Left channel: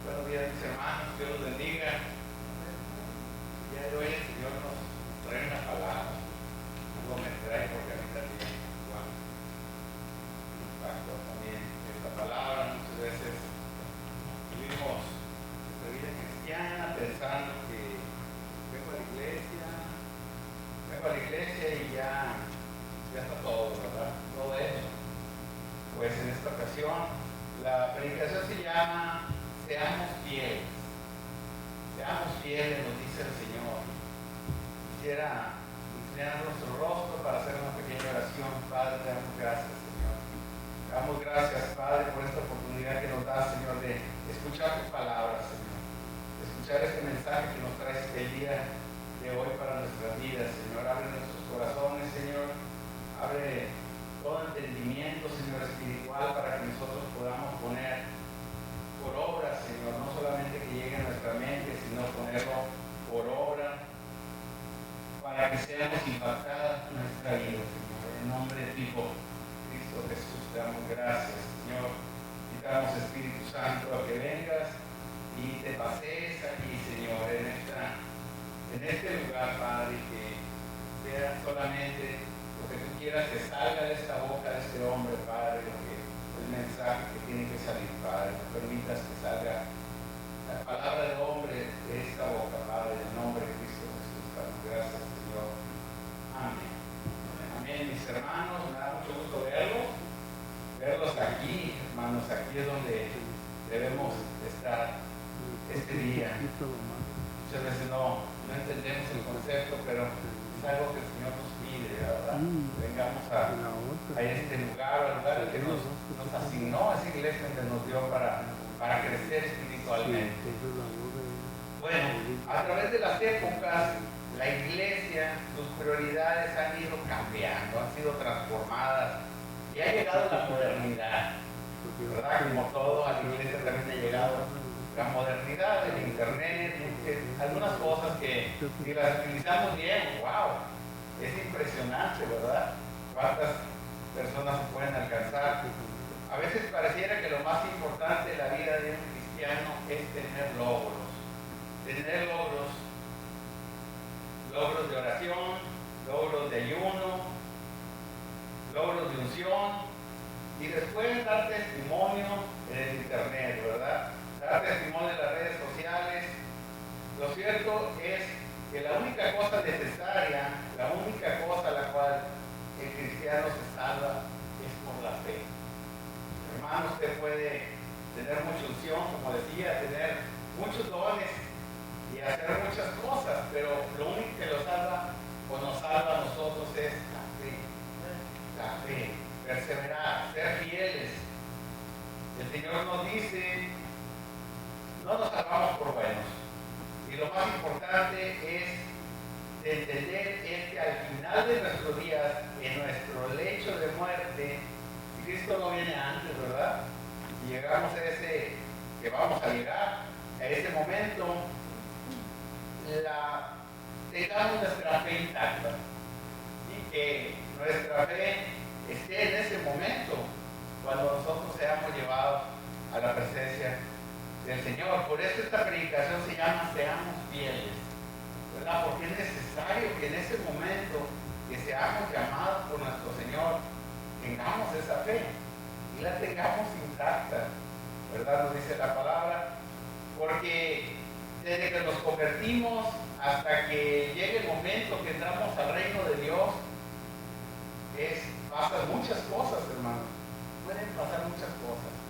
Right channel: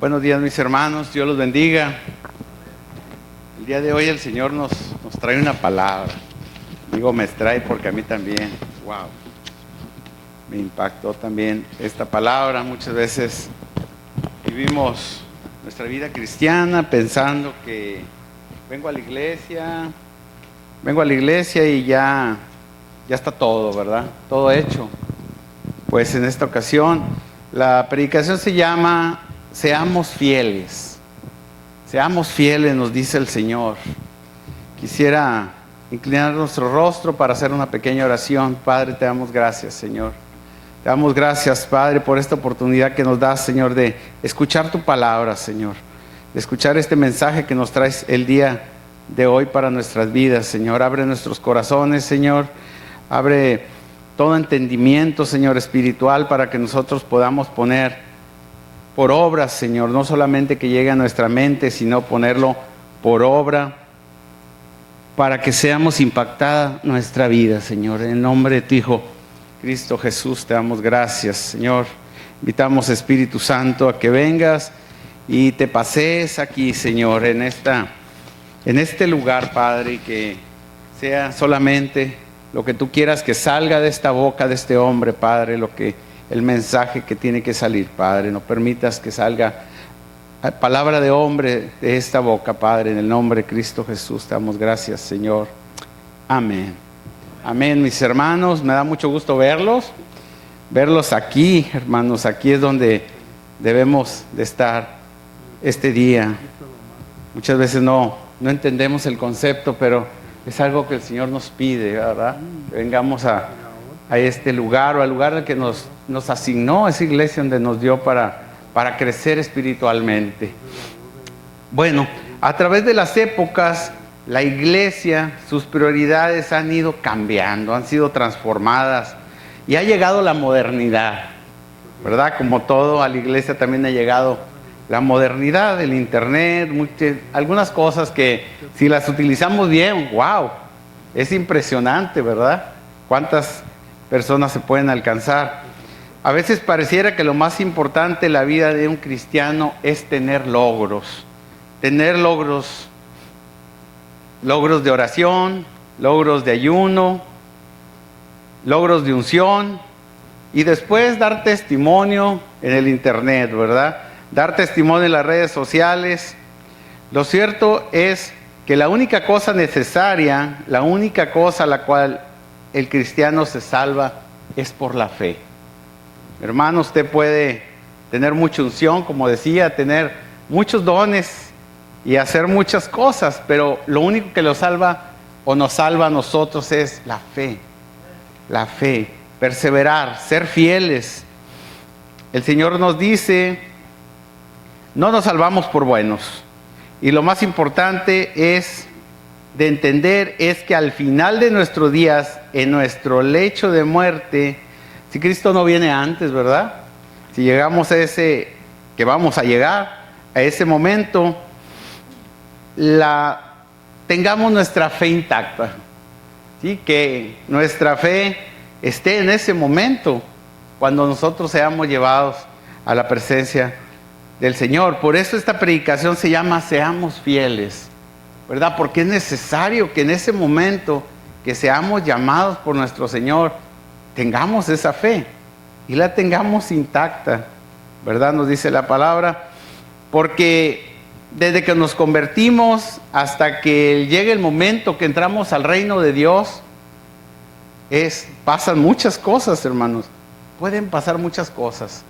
Buenos días, mis hermanos, Dios los bendiga. El día de hoy el Señor nos trae una palabra. Digo, me trae porque a mí también, wow, me impactó también esta palabra. Muchas veces vivimos nuestra vida cristiana pensando que vengo a la iglesia y ya está todo, ¿verdad? Todo hecho. Pues en esta ocasión la predicación se llama Seamos fieles. Seamos fieles, nos dice el Señor. Quisiera inclinar nuestro rostro para hacer una pequeña oración. Padre, te damos gracias, Señor. Te damos gracias, Padre, por esta oportunidad que nos das, Señor, de escuchar tu palabra, Señor. De escuchar este mensaje que nos traes el día de hoy para nuestras vidas, Señor. Abre nuestros corazones, Señor. Abre todo entendimiento, Señor, espiritual, para que nosotros podamos poner por obra, Señor, no solamente que llegue a nuestra mente, sino ponerlo por obra, para que seamos impactada nuestra vida, Señor. En el nombre de tu Hijo, Cristo Jesús, te damos gracias, Señor. Invitamos, Espíritu Santo, a que vengas y te pasees aquí, Señor, en este lugar, Padre, y que sea solamente lo que tú quieras que salga de esta boca de este hombre, Padre, el mensaje que tiene que salir, Padre. No permitas que salga palabra de hombre de esta boca, Padre, en el nombre de Cristo Jesús. Te damos gracias, Señor. Amén. Amén, mis hermanos. Me da mucho gusto verlos aquí, hermanos. Aquí es donde debemos de estar este día. Muchas veces no entendemos el concepto, pero es algo que el Señor nos pide, ¿verdad? Vengamos a este lugar, o al lugar que nos asignó, esa iglesia donde nos dio para crecer espiritualmente. Bueno, a través de las épocas, la iglesia, sus prioridades han ido cambiando, han sido transformadas y ha llegado la modernidad, ¿verdad? Como todo, a la iglesia también ha llegado la modernidad, el internet, algunas cosas que si las utilizamos bien, wow, es impresionante, ¿verdad? Cuántas personas se pueden alcanzar. A veces pareciera que lo más importante en la vida de un cristiano es tener logros de oración, logros de ayuno, logros de unción, y después dar testimonio en el internet, ¿verdad? Dar testimonio en las redes sociales. Lo cierto es que la única cosa necesaria, la única cosa a la cual el cristiano se salva es por la fe. Hermano, usted puede tener mucha unción, como decía, tener muchos dones y hacer muchas cosas, pero lo único que lo salva o nos salva a nosotros es la fe. La fe, perseverar, ser fieles. El Señor nos dice, no nos salvamos por buenos. Y lo más importante es de entender es que al final de nuestros días, en nuestro lecho de muerte, si Cristo no viene antes, ¿verdad? Si llegamos a que vamos a llegar a ese momento, tengamos nuestra fe intacta, ¿sí? Que nuestra fe esté en ese momento, cuando nosotros seamos llevados a la presencia del Señor. Por eso esta predicación se llama Seamos fieles, ¿verdad? Porque es necesario que en ese momento que seamos llamados por nuestro Señor, tengamos esa fe y la tengamos intacta, ¿verdad? Nos dice la palabra, porque desde que nos convertimos hasta que llegue el momento que entramos al reino de Dios, pasan muchas cosas, hermanos. Pueden pasar muchas cosas.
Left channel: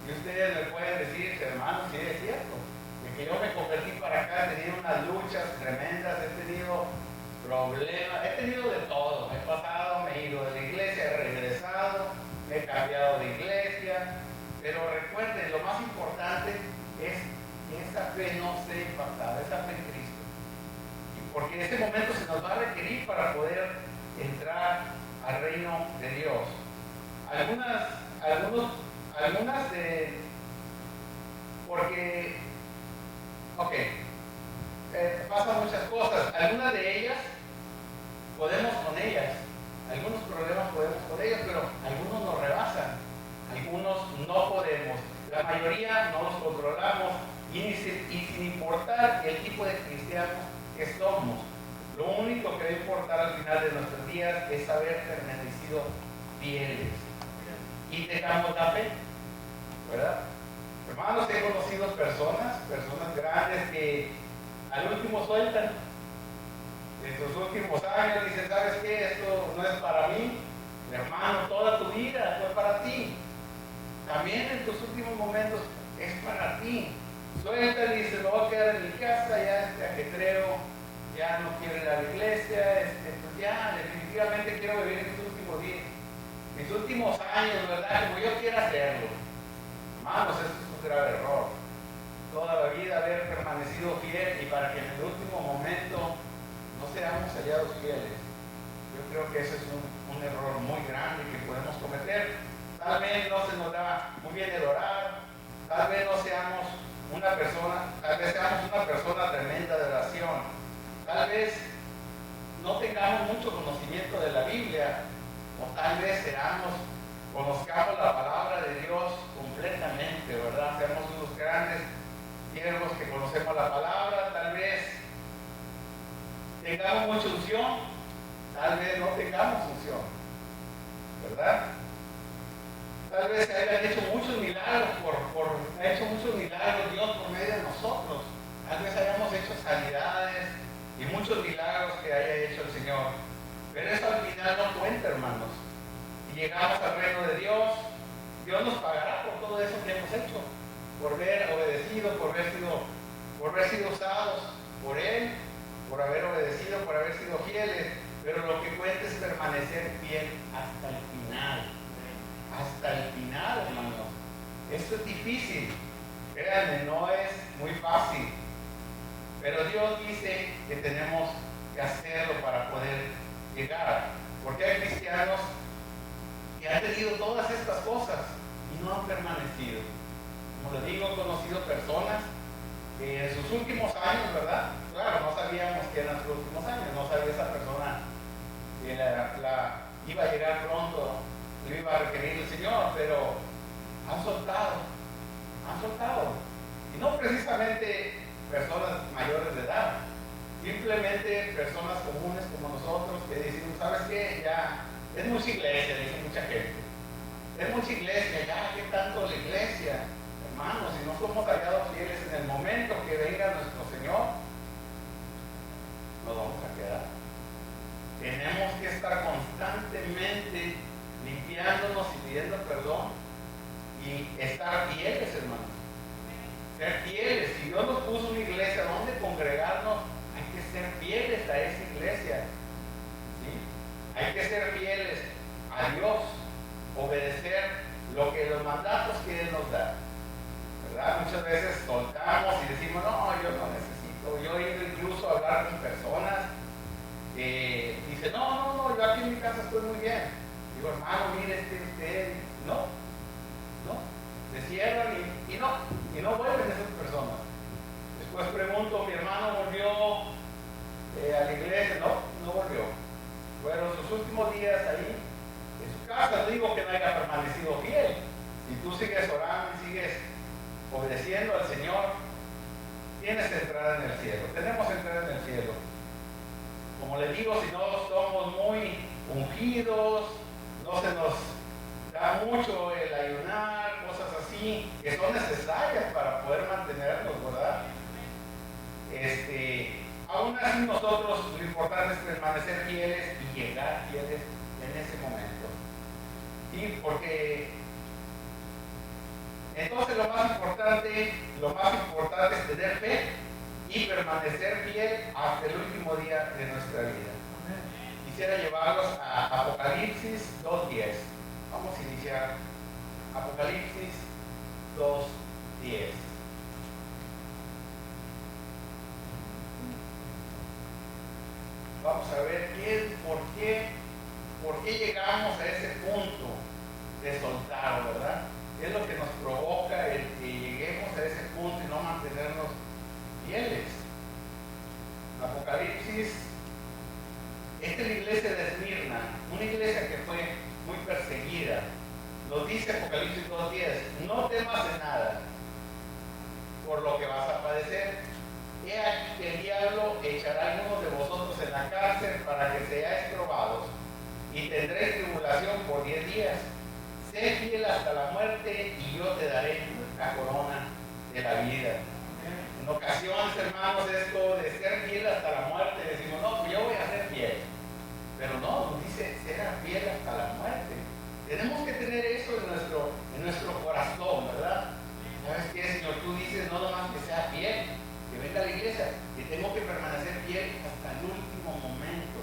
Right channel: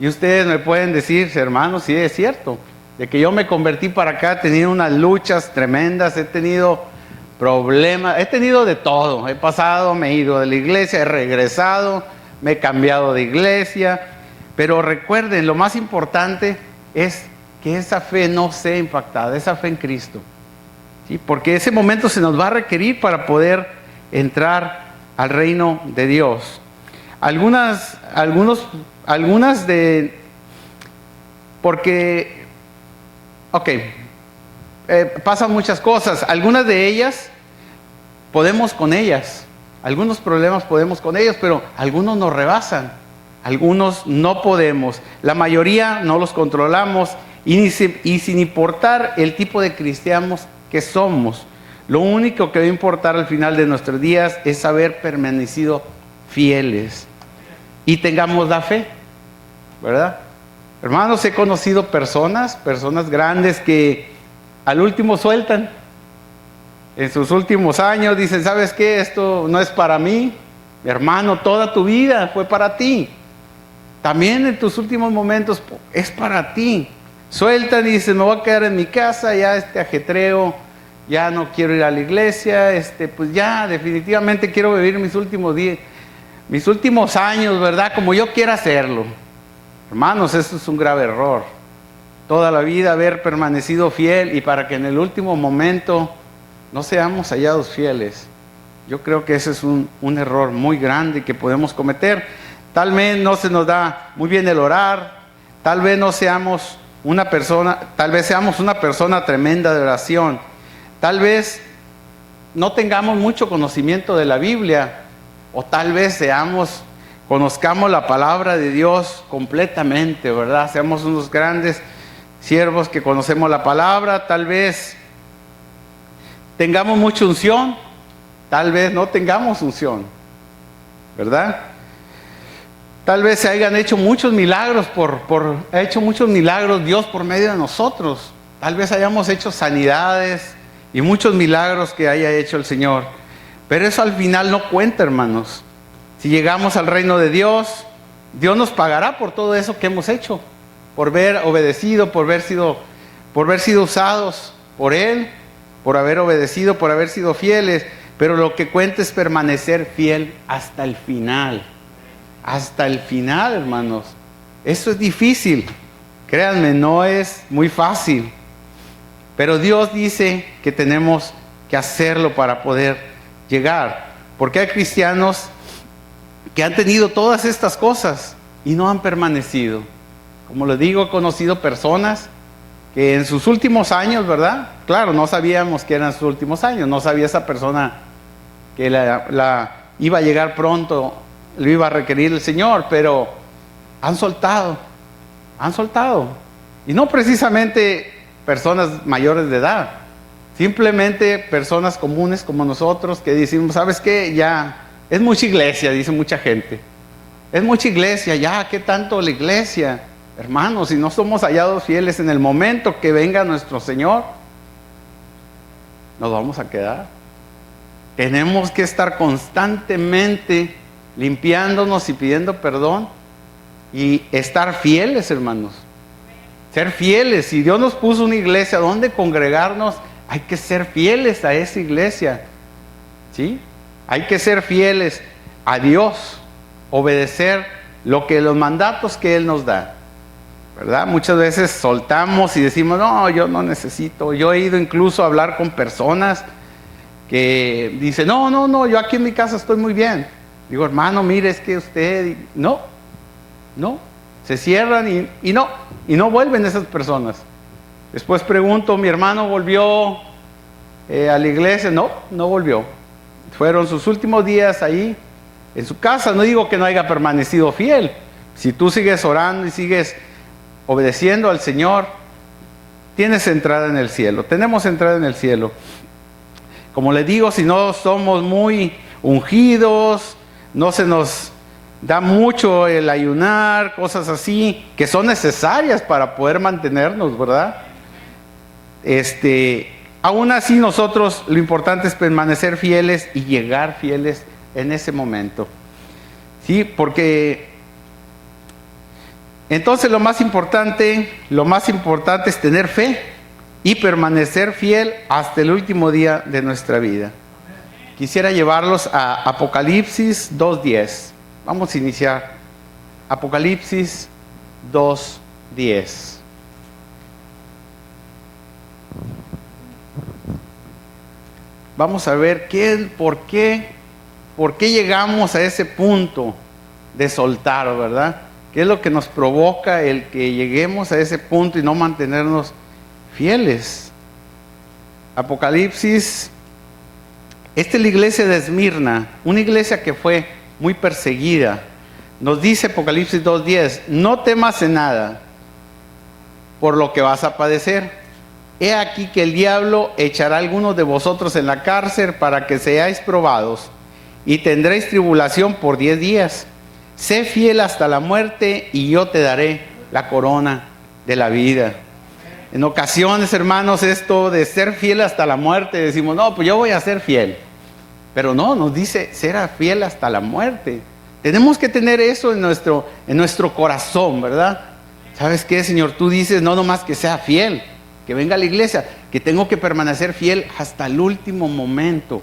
Y ustedes me pueden decir, hermanos, sí es cierto, de que yo me convertí para acá, he tenido unas luchas tremendas, he tenido problemas, he tenido de todo, he pasado, me he ido de la iglesia, he regresado, me he cambiado de iglesia, pero recuerden, lo más importante es que esa fe no sea impactada, esa fe en Cristo, ¿sí? Porque ese momento se nos va a requerir para poder entrar al reino de Dios. Pasan muchas cosas, algunas de ellas podemos con ellas, algunos problemas podemos con ellos, pero algunos nos rebasan. algunos no podemos, la mayoría no los controlamos y sin importar el tipo de cristianos que somos, lo único que va a importar al final de nuestros días es haber permanecido fieles y tengamos la fe, ¿verdad? Hermanos, he conocido personas grandes que al último sueltan. En sus últimos años dicen, ¿sabes qué? Esto no es para mí. Hermano, toda tu vida fue para ti. También en tus últimos momentos es para ti. Sueltan y dicen, me voy a quedar en mi casa, ya ajetreo, ya no quiero ir a la iglesia, pues ya definitivamente quiero vivir mis últimos días, mis últimos años, ¿verdad? Como yo quiera hacerlo. Hermanos, eso es un grave error. Toda la vida haber permanecido fiel y para que en el último momento no seamos hallados fieles. Yo creo que ese es un error muy grande que podemos cometer. Tal vez no se nos da muy bien el orar, tal vez no seamos una persona, tal vez seamos una persona tremenda de oración, tal vez no tengamos mucho conocimiento de la Biblia, o tal vez conozcamos la palabra de Dios completamente, ¿verdad? Seamos unos grandes siervos que conocemos la palabra, tal vez tengamos mucha unción, tal vez no tengamos unción, ¿verdad? Tal vez se hayan hecho muchos milagros ha hecho muchos milagros Dios por medio de nosotros. Tal vez hayamos hecho sanidades y muchos milagros que haya hecho el Señor. Pero eso al final no cuenta, hermanos. Si llegamos al reino de Dios, Dios nos pagará por todo eso que hemos hecho, por haber obedecido, por haber sido usados por Él, por haber obedecido, por haber sido fieles. Pero lo que cuenta es permanecer fiel hasta el final. Hasta el final, hermanos. Eso es difícil. Créanme, no es muy fácil. Pero Dios dice que tenemos que hacerlo para poder llegar. Porque hay cristianos que han tenido todas estas cosas y no han permanecido. Como les digo, he conocido personas que en sus últimos años, ¿verdad? Claro, no sabíamos que eran sus últimos años. No sabía esa persona que la iba a llegar pronto, lo iba a requerir el Señor, pero han soltado. Y no precisamente personas mayores de edad, simplemente personas comunes como nosotros que decimos, ¿sabes qué? Ya es mucha iglesia, dice mucha gente. Es mucha iglesia, ya, ¿qué tanto la iglesia? Hermanos, si no somos hallados fieles en el momento que venga nuestro Señor, nos vamos a quedar. Tenemos que estar constantemente limpiándonos y pidiendo perdón y estar fieles, hermanos. Ser fieles. Si Dios nos puso una iglesia donde congregarnos, hay que ser fieles a esa iglesia, ¿sí? Hay que ser fieles a Dios, obedecer los mandatos que Él nos da, ¿verdad? Muchas veces soltamos y decimos, no, yo no necesito. Yo he ido incluso a hablar con personas que dicen, no, yo aquí en mi casa estoy muy bien. Digo, hermano, mire, es que usted, no, se cierran y no vuelven esas personas. Después pregunto, mi hermano volvió a la iglesia, no volvió. Fueron sus últimos días ahí en su casa. No digo que no haya permanecido fiel. Si tú sigues orando y sigues obedeciendo al Señor, tienes entrada en el cielo. Tenemos entrada en el cielo. Como les digo, si no somos muy ungidos, no se nos da mucho el ayunar, cosas así, que son necesarias para poder mantenernos, ¿verdad? Aún así nosotros, lo importante es permanecer fieles y llegar fieles en ese momento, ¿sí? Porque entonces lo más importante es tener fe y permanecer fiel hasta el último día de nuestra vida. Quisiera llevarlos a Apocalipsis 2:10. Vamos a iniciar. Apocalipsis 2:10. Vamos a ver por qué llegamos a ese punto de soltar, ¿verdad? ¿Qué es lo que nos provoca el que lleguemos a ese punto y no mantenernos fieles? Apocalipsis. Esta es la iglesia de Esmirna, una iglesia que fue muy perseguida. nos dice Apocalipsis 2:10, no temas en nada por lo que vas a padecer. He aquí que el diablo echará a algunos de vosotros en la cárcel para que seáis probados, y tendréis tribulación por 10 días. Sé fiel hasta la muerte, y yo te daré la corona de la vida. En ocasiones, hermanos, esto de ser fiel hasta la muerte, decimos, no, pues yo voy a ser fiel. Pero no, nos dice, será fiel hasta la muerte. Tenemos que tener eso en nuestro corazón, ¿verdad? ¿Sabes qué, Señor? Tú dices, no nomás que sea fiel, que venga a la iglesia, que tengo que permanecer fiel hasta el último momento.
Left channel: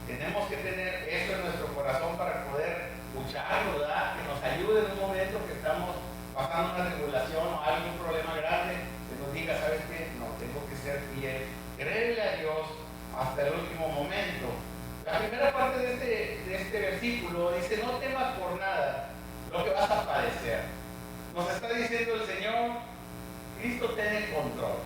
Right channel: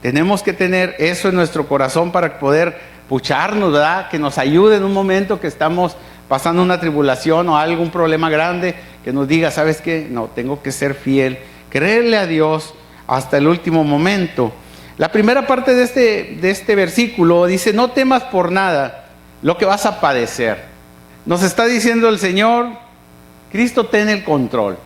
Tenemos que tener eso en nuestro corazón para poder pucharnos, ¿verdad? Que nos ayude en un momento que estamos pasando una tribulación o algún problema grande, que nos diga, ¿sabes qué? No, tengo que ser fiel, creerle a Dios hasta el último momento. La primera parte de este versículo dice, no temas por nada lo que vas a padecer. Nos está diciendo el Señor, Cristo tiene el control.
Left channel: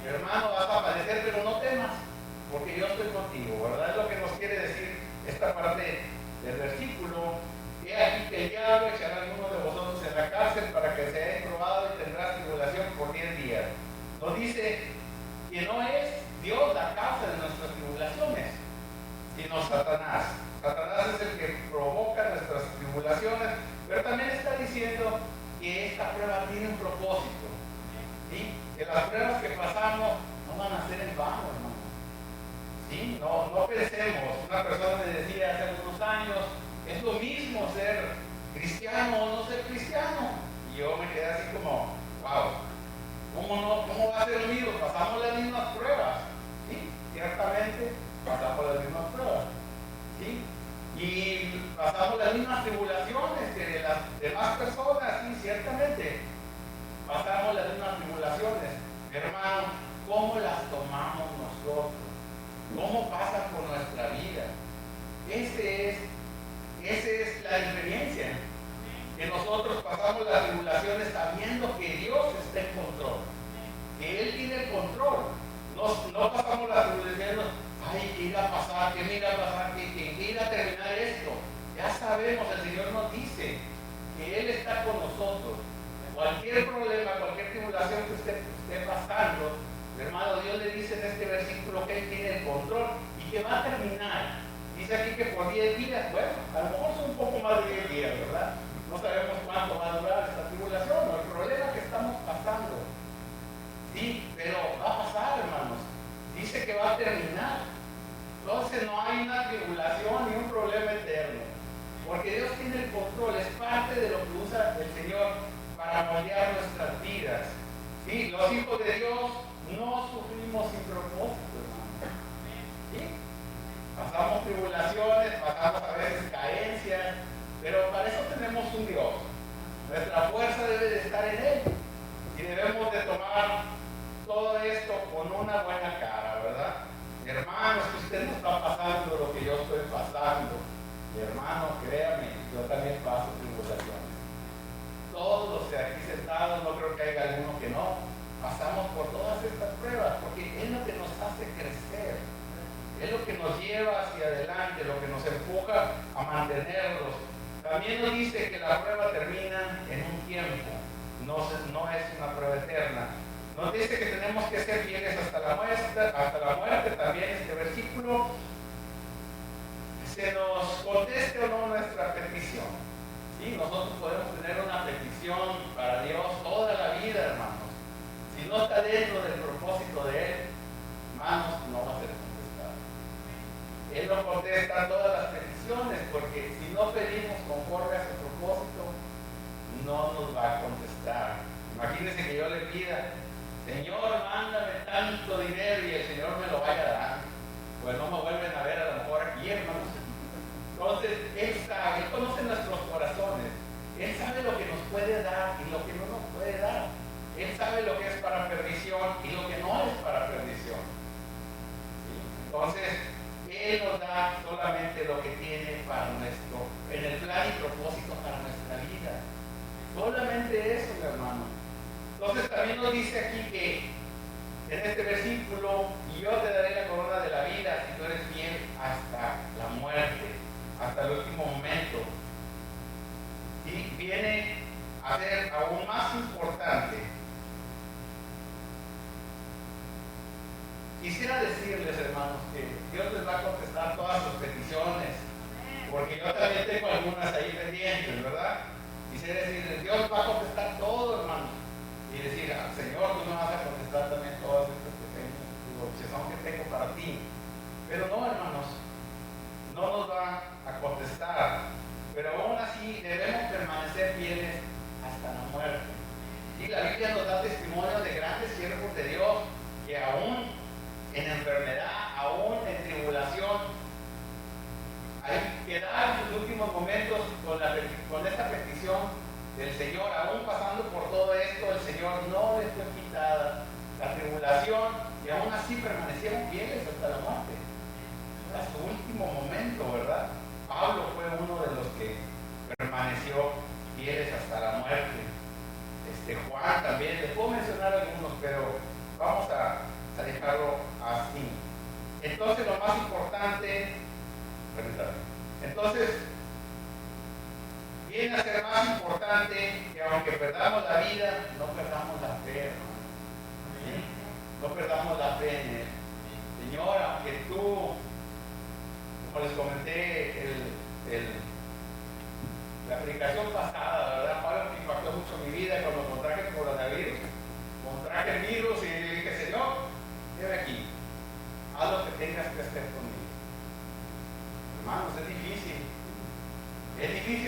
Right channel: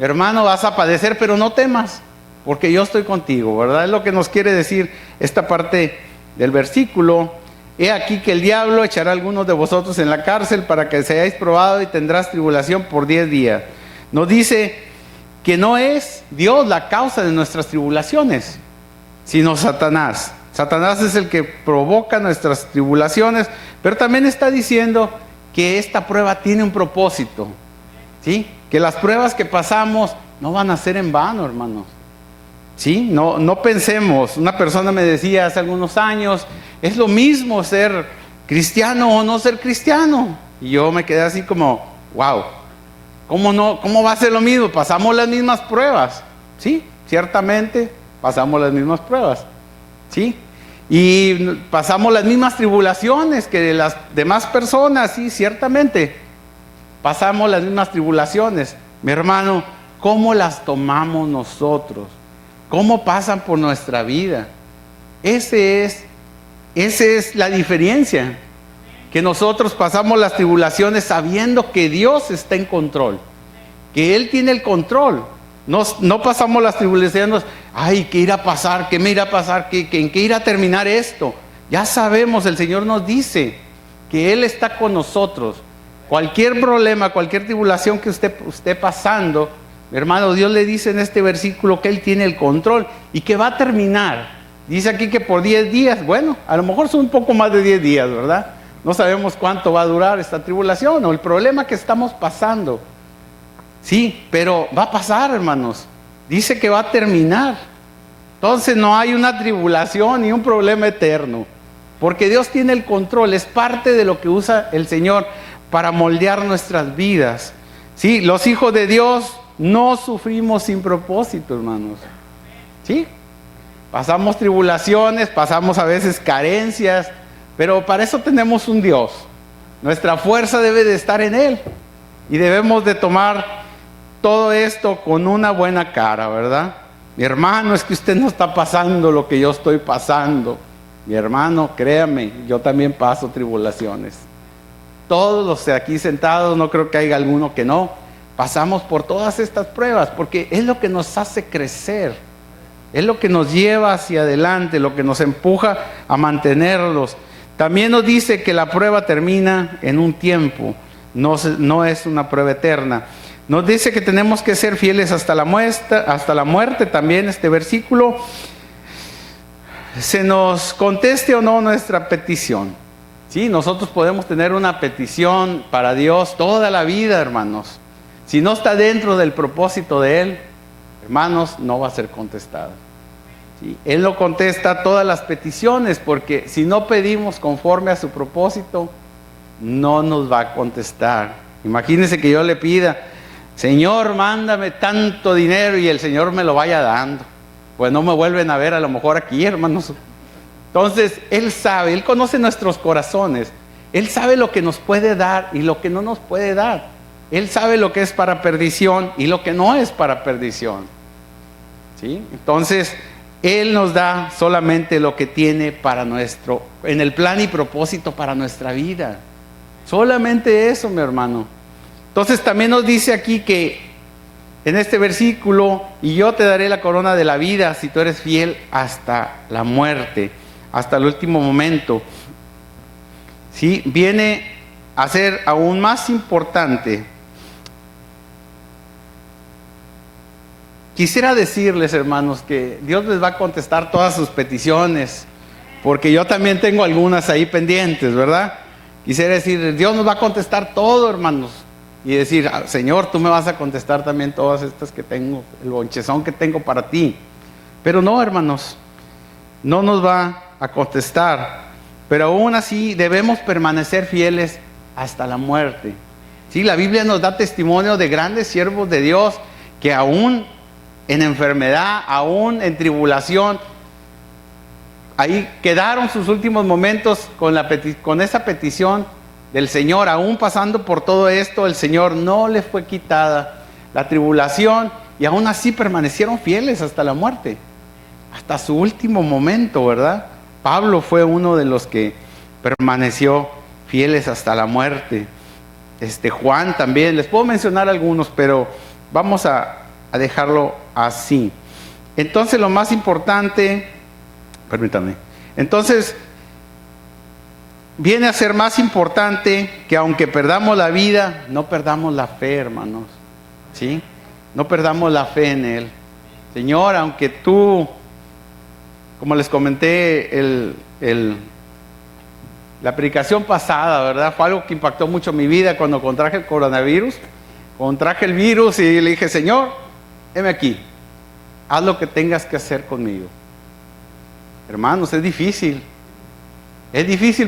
Hermano, vas a padecer, pero no temas, porque yo estoy contigo, ¿verdad? Es lo que nos quiere decir esta parte del versículo. He aquí que el diablo echará a algunos de vosotros en la cárcel para que seáis probados y tendrás tribulación por 10 días. Nos dice que no es Dios la causa de nuestras tribulaciones, sino Satanás. Satanás es el que provoca nuestras tribulaciones, pero también está diciendo que esta prueba tiene un propósito, ¿sí? Que las pruebas que pasamos no van a ser en vano, hermanos. ¿Sí? No pensemos. Una persona me decía hace algunos años, es lo mismo ser cristiano o no ser cristiano. Y yo me quedé así como, wow, ¿cómo va a ser lo mismo? Pasamos las mismas pruebas, ¿sí? Ciertamente pasamos las mismas pruebas, ¿sí? Y pasamos las mismas tribulaciones que las demás personas, sí, ciertamente pasamos las mismas tribulaciones. Mi hermano, ¿cómo las tomamos nosotros? ¿Cómo pasan por nuestra vida? Esa es la diferencia, que nosotros pasamos las tribulaciones sabiendo que Dios está en control, que Él tiene el control. No pasamos las tribulaciones, ay, ¿qué irá a pasar? ¿Qué me irá a pasar? ¿En qué irá a terminar esto? Ya sabemos, el Señor nos dice que Él está con nosotros. Cualquier problema, cualquier tribulación que usted esté pasando, hermano, Dios le dice en este versículo que Él tiene el control y que va a terminar. Dice aquí que por 10 días, bueno, a lo mejor son un poco más de 10 días, ¿verdad? No sabemos cuánto va a durar esta tribulación o el problema que estamos pasando. Sí, pero va a pasar, hermanos. Dice que va a terminar. Entonces no hay una tribulación ni un problema eterno, porque Dios tiene el control. Es parte de lo que usa el Señor para moldear nuestras vidas. Sí, los hijos de Dios no sufrimos sin propósito, hermanos. Sí, pasamos tribulaciones, pasamos a veces carencias, pero para eso tenemos un Dios. Nuestra fuerza debe de estar en Él y debemos de tomar todo esto con una buena cara, ¿verdad? Mi hermano, es que usted no está pasando lo que yo estoy pasando. Mi hermano, créame, yo también paso tribulaciones. Todos los de aquí sentados, no creo que haya alguno que no, pasamos por todas estas pruebas, porque es lo que nos hace crecer, es lo que nos lleva hacia adelante, lo que nos empuja a mantenerlos. También nos dice que la prueba termina en un tiempo, no es una prueba eterna. Nos dice que tenemos que ser fieles hasta la muerte, también este versículo. Se nos conteste o no nuestra petición. Sí, nosotros podemos tener una petición para Dios toda la vida, hermanos. Si no está dentro del propósito de Él, hermanos, no va a ser contestada. ¿Sí? Él no contesta todas las peticiones, porque si no pedimos conforme a su propósito, no nos va a contestar. Imagínense que yo le pida, Señor, mándame tanto dinero, y el Señor me lo vaya dando. Pues no me vuelven a ver a lo mejor aquí, hermanos. Entonces, Él sabe, Él conoce nuestros corazones. Él sabe lo que nos puede dar y lo que no nos puede dar. Él sabe lo que es para perdición y lo que no es para perdición. ¿Sí? Entonces, Él nos da solamente lo que tiene para en el plan y propósito para nuestra vida. Solamente eso, mi hermano. Entonces también nos dice aquí que en este versículo, y yo te daré la corona de la vida si tú eres fiel hasta la muerte, hasta el último momento. ¿sí? Viene a ser aún más importante. Quisiera decirles, hermanos, que Dios les va a contestar todas sus peticiones, porque yo también tengo algunas ahí pendientes, ¿verdad? Quisiera decir, Dios nos va a contestar todo, hermanos, y decir, Señor, tú me vas a contestar también todas estas que tengo, el bonchezón que tengo para ti. Pero no, hermanos, no nos va a contestar, pero aún así debemos permanecer fieles hasta la muerte. Sí, la Biblia nos da testimonio de grandes siervos de Dios que aún en enfermedad, aún en tribulación, ahí quedaron sus últimos momentos con esa petición del Señor. Aún pasando por todo esto, el Señor no le fue quitada la tribulación y aún así permanecieron fieles hasta la muerte, hasta su último momento, ¿verdad? Pablo fue uno de los que permaneció fieles hasta la muerte. Juan también, les puedo mencionar algunos, pero vamos a dejarlo así. Entonces lo más importante, permítanme, entonces viene a ser más importante que aunque perdamos la vida, no perdamos la fe, hermanos, ¿sí? No perdamos la fe en Él. Señor, aunque tú, como les comenté la predicación pasada, ¿verdad? Fue algo que impactó mucho mi vida cuando contraje el coronavirus. Contraje el virus y le dije, Señor, heme aquí, haz lo que tengas que hacer conmigo. Hermanos, es difícil,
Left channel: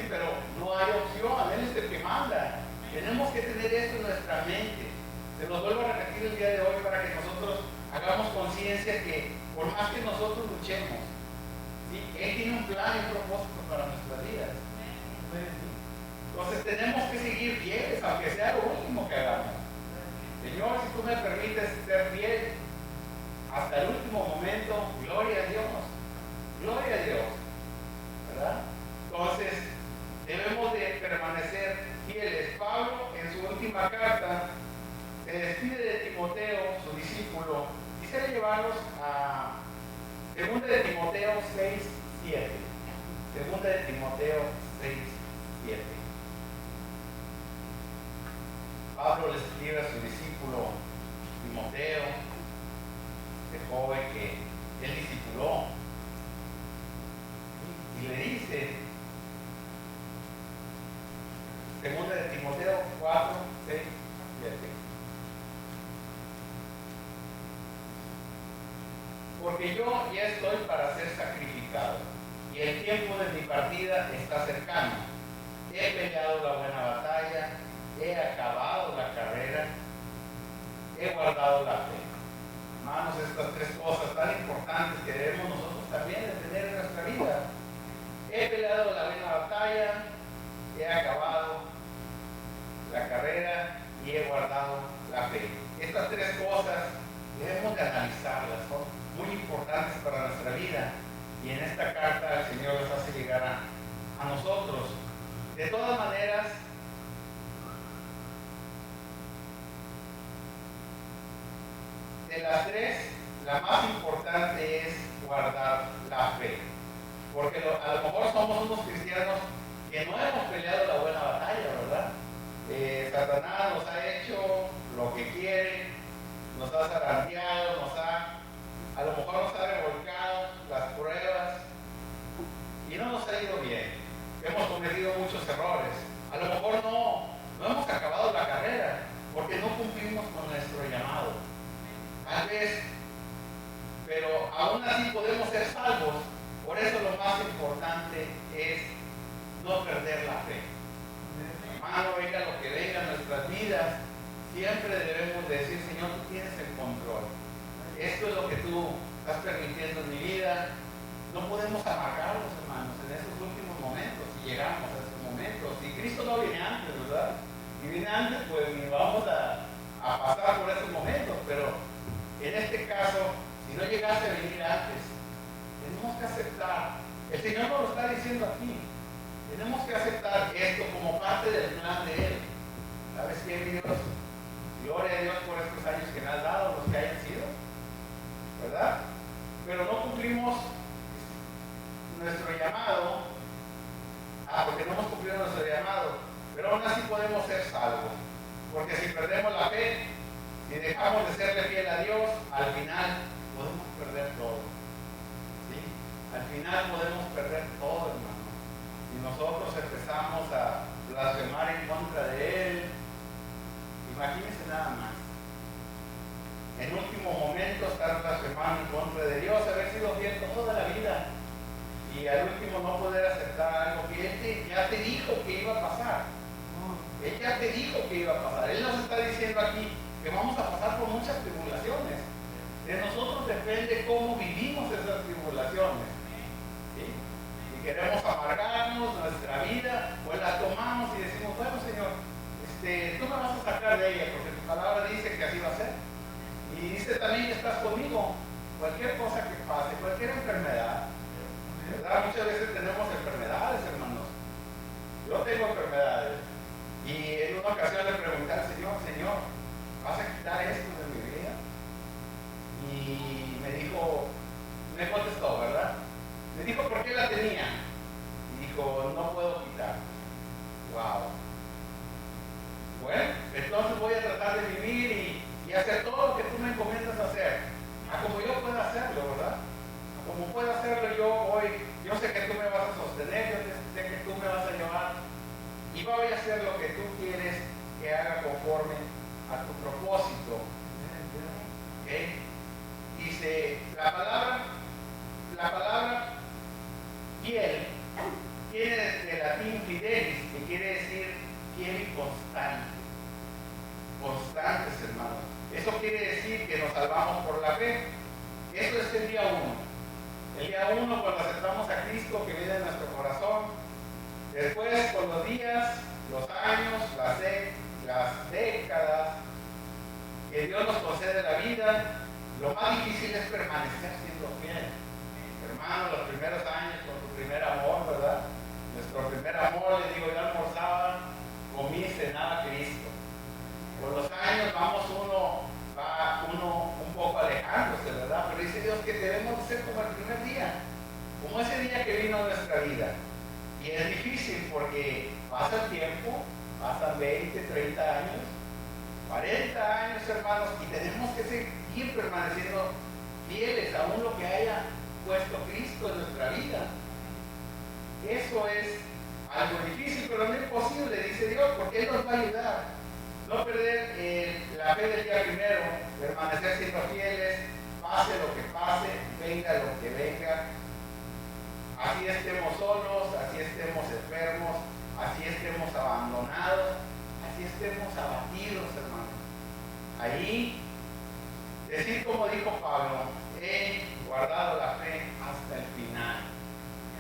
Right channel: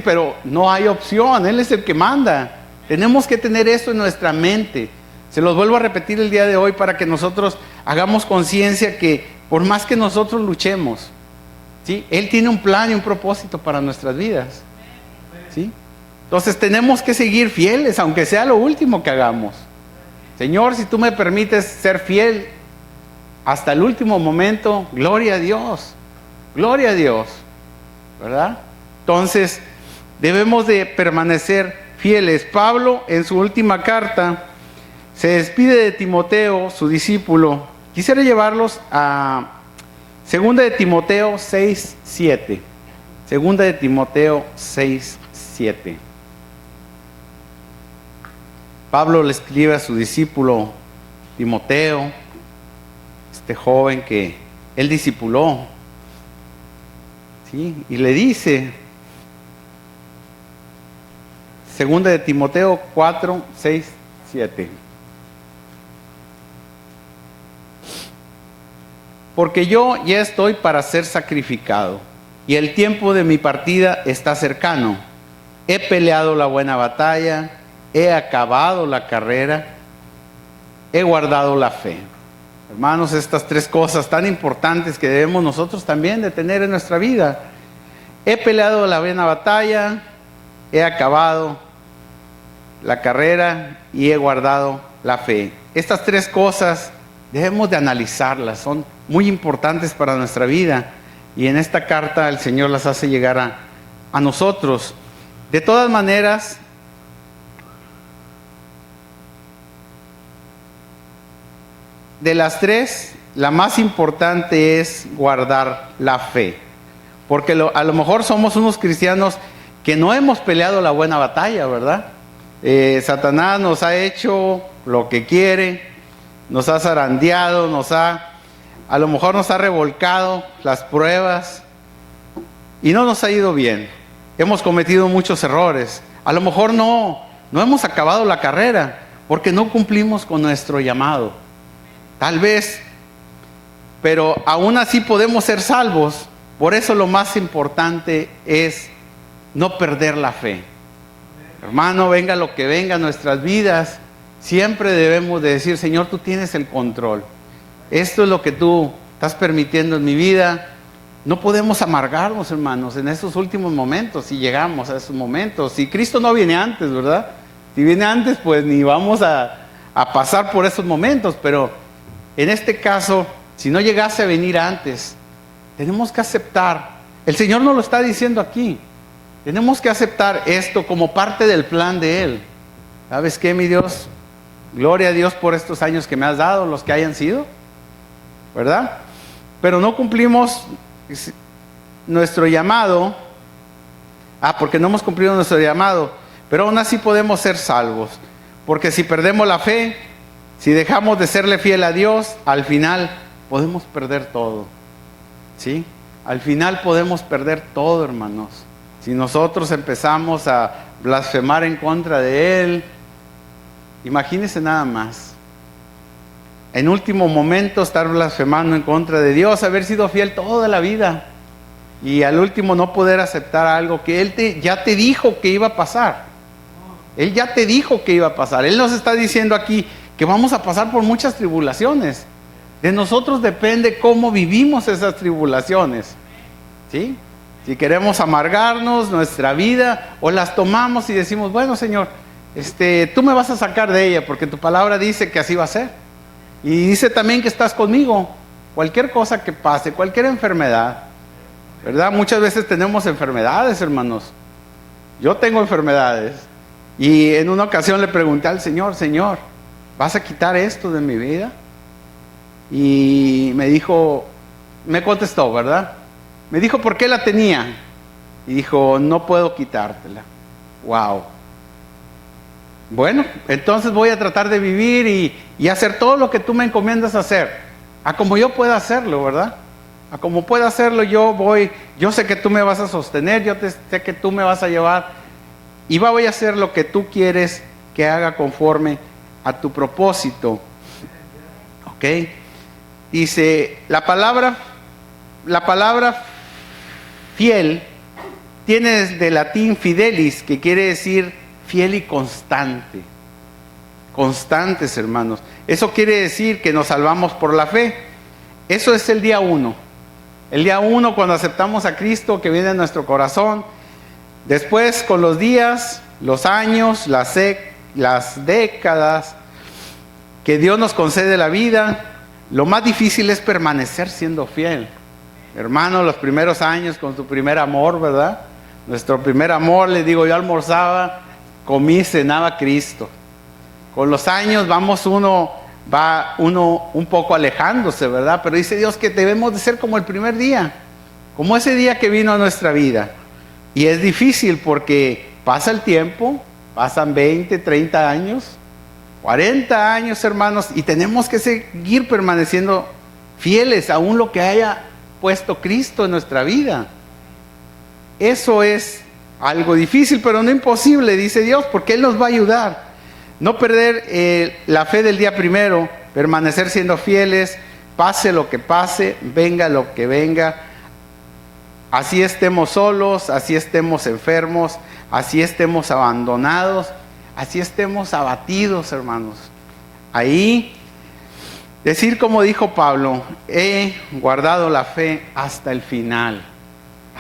pero no hay opción. Él es el que manda. Tenemos que tener esto en nuestra mente. Se los vuelvo a repetir el día de hoy para que nosotros hagamos conciencia que por más que nosotros luchemos, ¿sí? Él tiene un plan y un propósito para nuestras vidas, ¿sí? Entonces tenemos que seguir fieles, aunque sea lo último que hagamos. Señor, si tú me permites ser fiel hasta el último momento, gloria a Dios, ¿verdad? Entonces debemos de permanecer fieles. Pablo en su última carta se despide de Timoteo, su discípulo. Quisiera llevarlos a 2 de Timoteo 6:7. 2 de Timoteo 6:7. Pablo le escribe a su discípulo Timoteo, este joven que él discipuló, ¿sí? Y le dice, 2 de Timoteo 4:6-7. Porque yo ya estoy para ser sacrificado, y el tiempo de mi partida está cercano. He peleado la buena batalla, he acabado la carrera, he guardado la fe. Hermanos, estas tres cosas tan importantes que debemos nosotros también de tener en nuestra vida. He peleado la buena batalla, he acabado la carrera y he guardado la fe. Estas tres cosas debemos de analizarlas, son muy importantes para nuestra vida, y en esta carta el Señor las hace llegar a nosotros. De todas maneras, de las tres, la más importante es guardar la fe, porque a lo mejor somos unos cristianos que no hemos peleado la buena batalla, ¿verdad? Satanás nos ha hecho lo que quiere, nos ha zarandeado, a lo mejor nos ha revolcado las pruebas y no nos ha ido bien. Hemos cometido muchos errores. A lo mejor no hemos acabado la carrera porque no cumplimos con nuestro llamado. Tal vez, pero aún así podemos ser salvos. Por eso lo más importante es no perder la fe. Hermano, venga lo que venga en nuestras vidas, siempre debemos de decir, Señor, tú tienes el control. Esto es lo que tú estás permitiendo en mi vida. No podemos amargarnos, hermanos, en esos últimos momentos, si llegamos a esos momentos. Si Cristo no viene antes, ¿verdad? Si viene antes, pues ni vamos a pasar por esos momentos. Pero en este caso, si no llegase a venir antes, tenemos que aceptar. El Señor nos lo está diciendo aquí. Tenemos que aceptar esto como parte del plan de Él. ¿Sabes qué, mi Dios? Gloria a Dios por estos años que me has dado, los que hayan sido, ¿verdad? Pero no cumplimos nuestro llamado Porque no hemos cumplido nuestro llamado. Pero aún así podemos ser salvos. Porque si perdemos la fe, si dejamos de serle fiel a Dios, al final podemos perder todo. ¿Sí? Al final podemos perder todo, hermanos. Si nosotros empezamos a blasfemar en contra de Él, imagínense nada más. En último momento estar blasfemando en contra de Dios, haber sido fiel toda la vida y al último no poder aceptar algo que Él ya te dijo que iba a pasar. Él ya te dijo que iba a pasar. Él nos está diciendo aquí que vamos a pasar por muchas tribulaciones. De nosotros depende cómo vivimos esas tribulaciones. ¿Sí? Si queremos amargarnos nuestra vida o las tomamos y decimos, bueno, Señor, tú me vas a sacar de ella porque tu palabra dice que así va a ser. Y dice también que estás conmigo. Cualquier cosa que pase, cualquier enfermedad, ¿verdad? Muchas veces tenemos enfermedades, hermanos. Yo tengo enfermedades. Y en una ocasión le pregunté al Señor, Señor, ¿vas a quitar esto de mi vida? Y me contestó, ¿verdad? Me dijo, ¿por qué la tenía? Y dijo, no puedo quitártela. Wow. Bueno, entonces voy a tratar de vivir y hacer todo lo que tú me encomiendas hacer. A como yo pueda hacerlo, ¿verdad? A como pueda hacerlo yo sé que tú me vas a sostener, sé que tú me vas a llevar y voy a hacer lo que tú quieres que haga conforme a tu propósito. ¿Ok? Dice, la palabra fiel tiene desde latín fidelis, que quiere decir fiel y constante. Constantes, hermanos. Eso quiere decir que nos salvamos por la fe. Eso es el día 1. El día 1 cuando aceptamos a Cristo que viene en nuestro corazón. Después con los días, los años, las décadas que Dios nos concede la vida, lo más difícil es permanecer siendo fiel. Hermano, los primeros años con tu primer amor, ¿verdad? Nuestro primer amor, les digo, yo almorzaba, comí, cenaba Cristo. Con los años va uno un poco alejándose, ¿verdad? Pero dice Dios que debemos de ser como el primer día, como ese día que vino a nuestra vida. Y es difícil porque pasa el tiempo, pasan 20, 30 años, 40 años, hermanos, y tenemos que seguir permaneciendo fieles aún lo que haya puesto Cristo en nuestra vida. Eso es algo difícil, pero no imposible, dice Dios, porque Él nos va a ayudar. No perder la fe del día primero, permanecer siendo fieles, pase lo que pase, venga lo que venga. Así estemos solos, así estemos enfermos, así estemos abandonados, así estemos abatidos, hermanos. Ahí, decir como dijo Pablo, he guardado la fe hasta el final,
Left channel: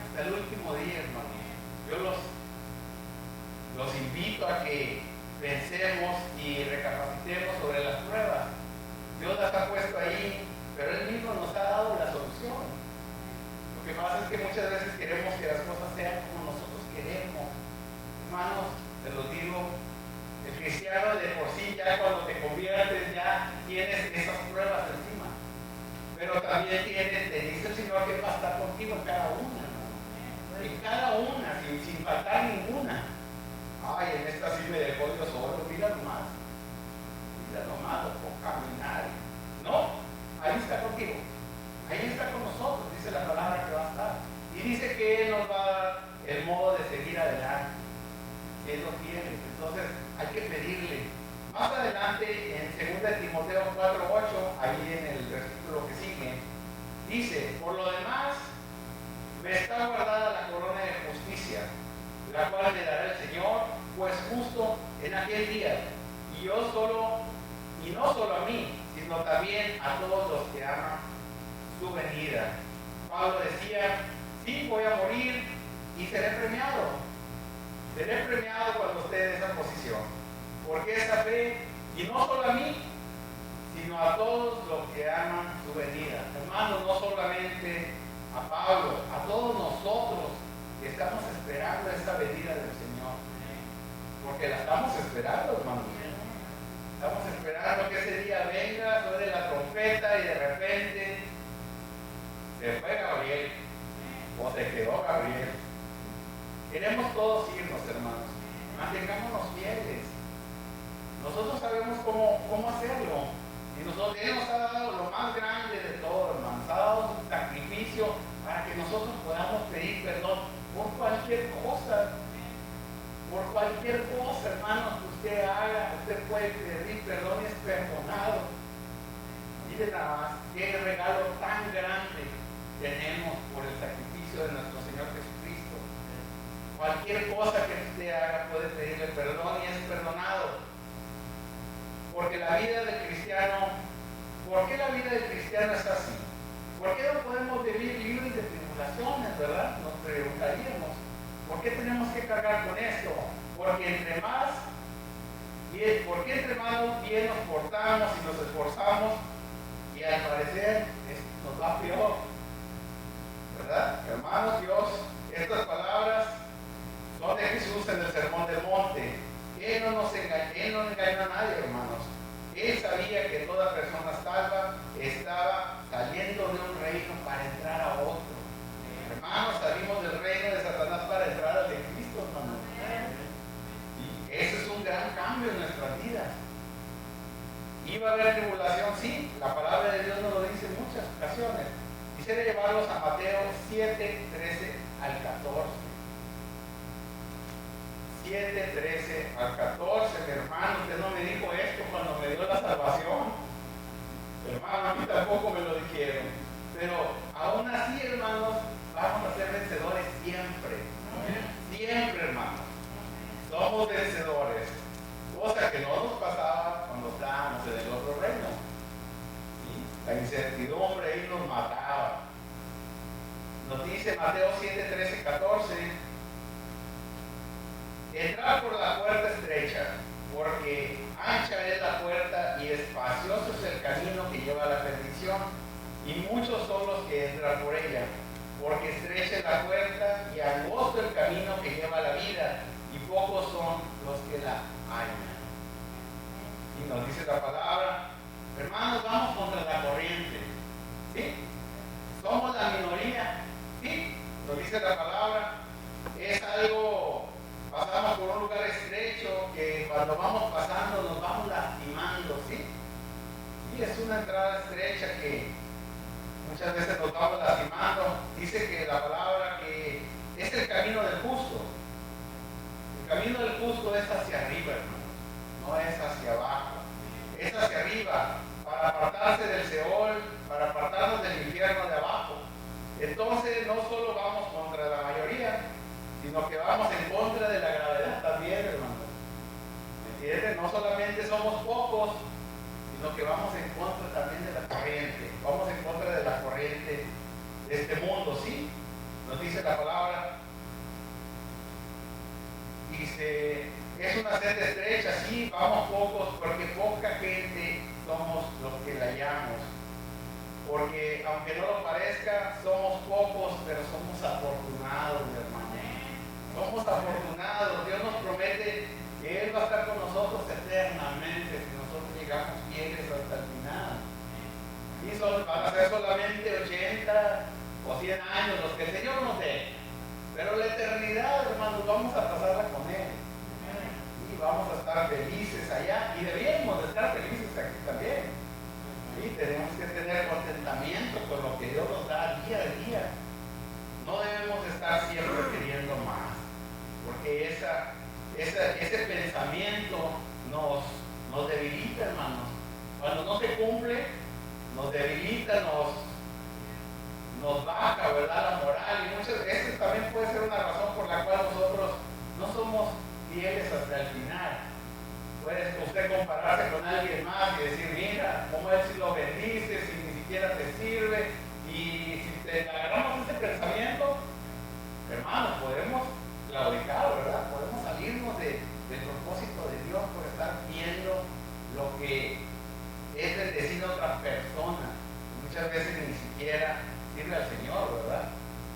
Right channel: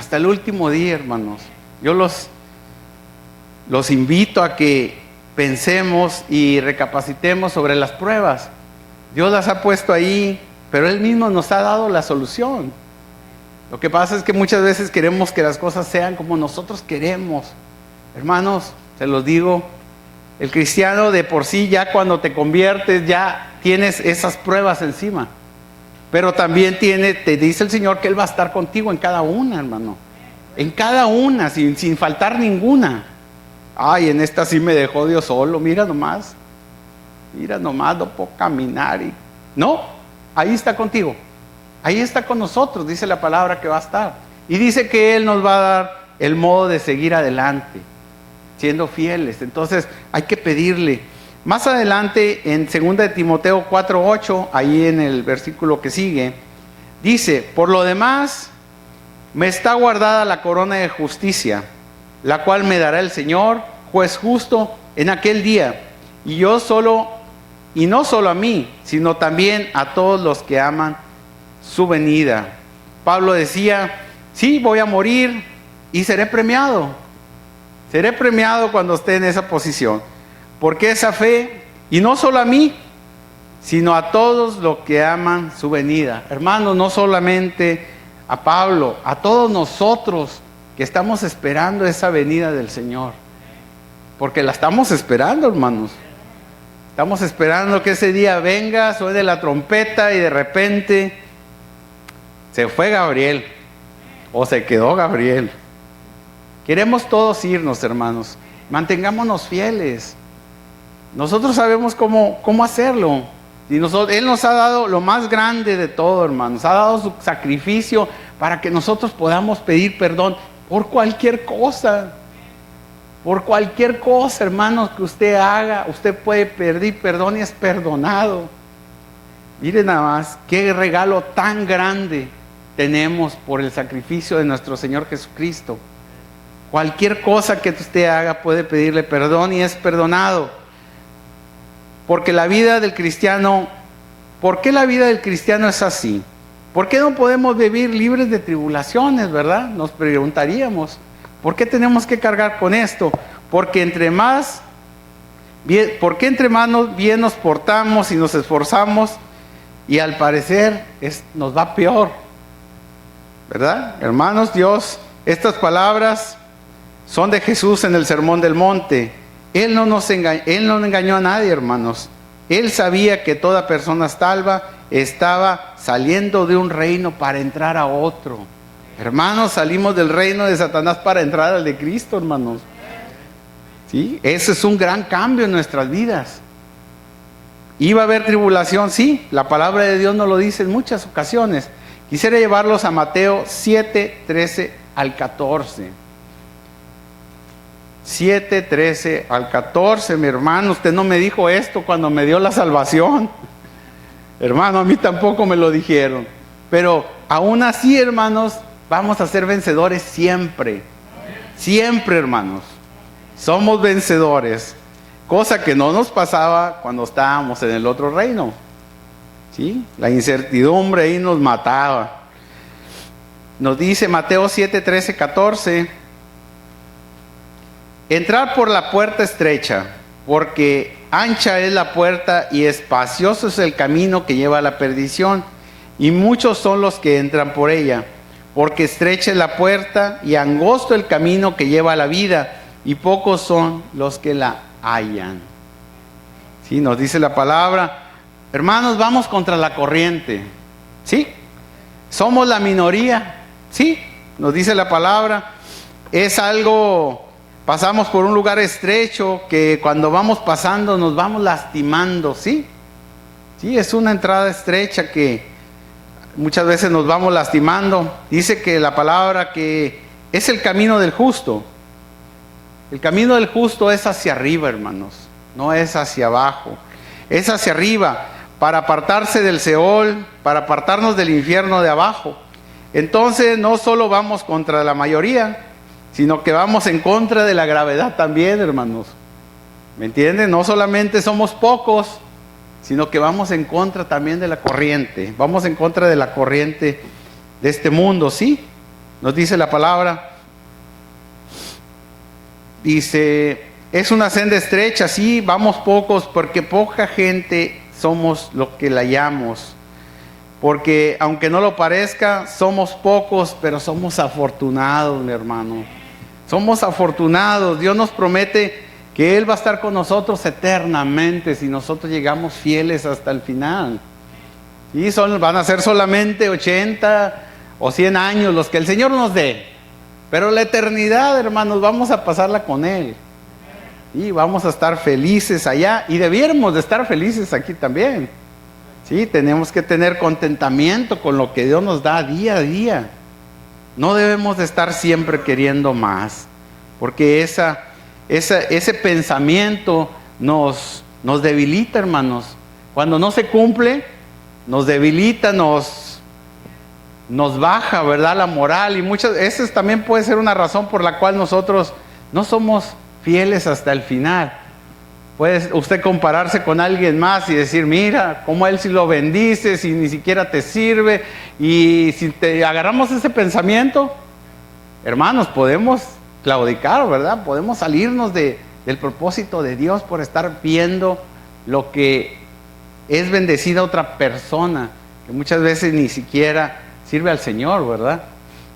hasta el último día, hermanos. Yo los invito a que pensemos y recapacitemos sobre las pruebas. Dios las ha puesto ahí, pero Él mismo nos ha dado la solución. Lo que pasa es que muchas veces queremos que las cosas sean como nosotros queremos. Hermanos, se los digo, el cristiano de por sí ya cuando te conviertes ya tienes esas pruebas encima. Pero también te dice el Señor que Él va a estar contigo en cada una, hermano. En cada una, sin faltar ninguna. Ay, en esta sí me dejó Dios solo, mira nomás, no puedo caminar. No, ahí está contigo. Ahí está con nosotros, dice la palabra que va a estar. Y dice que Él nos va a dar el modo de seguir adelante, siendo fieles. Entonces hay que pedirle. Más adelante, en 2 de Timoteo 4:8, ahí en el versículo que sigue, dice, por lo demás, me está guardada la corona de justicia, la cual me dará el Señor, juez justo, en aquel día. Y no solo a mí, sino también a todos los que aman su venida. Pablo decía, sí, voy a morir y seré premiado. Seré premiado cuando esté en esa posición. Porque esa fe, y no solo a mí, sino a todos los que aman su venida. Hermanos, no solamente a Pablo, a todos nosotros que estamos esperando esa venida del Señor. Porque la estamos esperando, hermanos. Estamos esperando que ese día venga, suene la trompeta y de repente se fue Gabriel o se quedó Gabriel. Queremos todos irnos, hermanos. Mantengámonos fieles. Nosotros sabemos cómo hacerlo. Y Él nos ha dado lo más grande de todo, hermanos. Ha dado su sacrificio para que nosotros podamos pedir perdón por cualquier cosa. Por cualquier cosa, hermanos, que usted haga, usted puede pedir perdón y es perdonado. Miren nada más, qué regalo tan grande tenemos por el sacrificio de nuestro Señor Jesucristo. Cualquier cosa que usted haga puede pedirle perdón y es perdonado. Porque la vida del cristiano, ¿por qué la vida del cristiano es así? ¿Por qué no podemos vivir libres de tribulaciones, verdad? Nos preguntaríamos. ¿Por qué tenemos que cargar con esto? Porque entre más bien nos portamos y nos esforzamos, y al parecer nos va peor, ¿verdad? Hermanos, estas palabras son de Jesús en el Sermón del Monte. Él no engañó a nadie, hermanos. Él sabía que toda persona salva estaba saliendo de un reino para entrar a otro. Hermanos, salimos del reino de Satanás para entrar al de Cristo, hermanos. ¿Sí? Ese es un gran cambio en nuestras vidas. ¿Iba a haber tribulación? Sí, la palabra de Dios nos lo dice en muchas ocasiones. Quisiera llevarlos a Mateo 7, 13 al 14. 7, 13 al 14, mi hermano. Usted no me dijo esto cuando me dio la salvación. Hermano, a mí tampoco me lo dijeron. Pero aún así, hermanos, vamos a ser vencedores siempre. Siempre, hermanos. Somos vencedores. Cosa que no nos pasaba cuando estábamos en el otro reino. ¿Sí? La incertidumbre ahí nos mataba. Nos dice Mateo 7, 13, 14. Entrad por la puerta estrecha, porque ancha es la puerta y espacioso es el camino que lleva a la perdición, y muchos son los que entran por ella. Porque estrecha es la puerta y angosto el camino que lleva a la vida, y pocos son los que la hallan. ¿Sí? Nos dice la palabra. Hermanos, vamos contra la corriente. ¿Sí? Somos la minoría. ¿Sí? Nos dice la palabra. Es algo, pasamos por un lugar estrecho que cuando vamos pasando nos vamos lastimando. ¿Sí? Sí, es una entrada estrecha que muchas veces nos vamos lastimando. Dice que la palabra que es el camino del justo. El camino del justo es hacia arriba, hermanos, no es hacia abajo, es hacia arriba, para apartarse del Seol, para apartarnos del infierno de abajo. Entonces no solo vamos contra la mayoría, sino que vamos en contra de la gravedad también, hermanos. ¿Me entienden? No solamente somos pocos, sino que vamos en contra también de la corriente, vamos en contra de la corriente de este mundo, ¿sí? Nos dice la palabra. Dice, es una senda estrecha, sí, vamos pocos, porque poca gente somos lo que la hallamos. Porque aunque no lo parezca, somos pocos, pero somos afortunados, mi hermano. Somos afortunados. Dios nos promete que Él va a estar con nosotros eternamente si nosotros llegamos fieles hasta el final. Y van a ser solamente 80 o 100 años los que el Señor nos dé. Pero la eternidad, hermanos, vamos a pasarla con Él. Y vamos a estar felices allá. Y debiéramos de estar felices aquí también. Sí, tenemos que tener contentamiento con lo que Dios nos da día a día. No debemos de estar siempre queriendo más. Porque ese pensamiento nos debilita, hermanos. Cuando no se cumple, nos debilita, nos baja, ¿verdad? La moral, y esa también puede ser una razón por la cual nosotros no somos fieles hasta el final. Puede usted compararse con alguien más y decir, mira, cómo él sí lo bendice, si ni siquiera te sirve. Y si te agarramos ese pensamiento, hermanos, podemos claudicar, ¿verdad? Podemos salirnos del propósito de Dios por estar viendo lo que es bendecida otra persona, que muchas veces ni siquiera sirve al Señor, ¿verdad?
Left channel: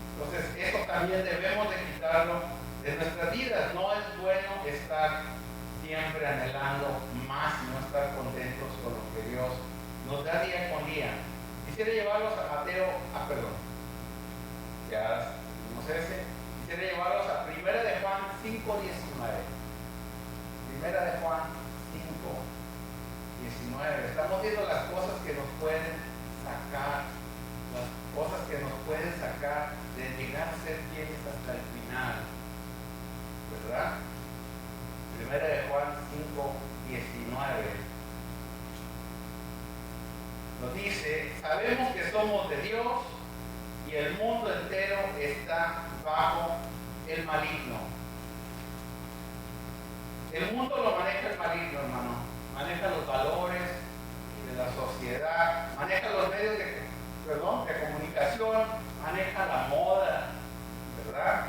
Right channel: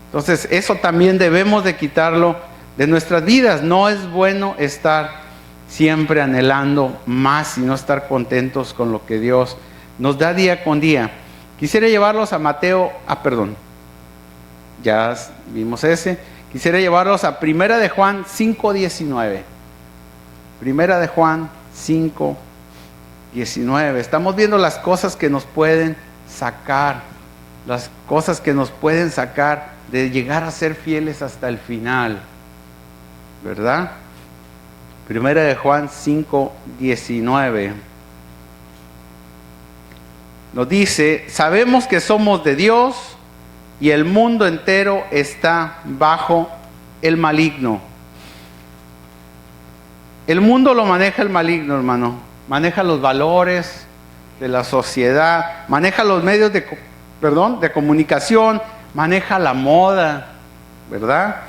Entonces eso también debemos de quitarlo de nuestras vidas. No es bueno estar siempre anhelando más y no estar contentos con lo que Dios nos da día con día. Quisiera llevarlos a Mateo, ya vimos ese. quisiera llevarlos a Primera de Juan 5:19. Primera de Juan 5:19. Estamos viendo las cosas que nos pueden sacar, las cosas que nos pueden sacar de llegar a ser fieles hasta el final, ¿verdad? Primera de Juan 5:19. Nos dice: sabemos que somos de Dios y el mundo entero está bajo el maligno. El mundo lo maneja el maligno, hermano. Maneja los valores de la sociedad, maneja los medios de comunicación, maneja la moda, ¿verdad?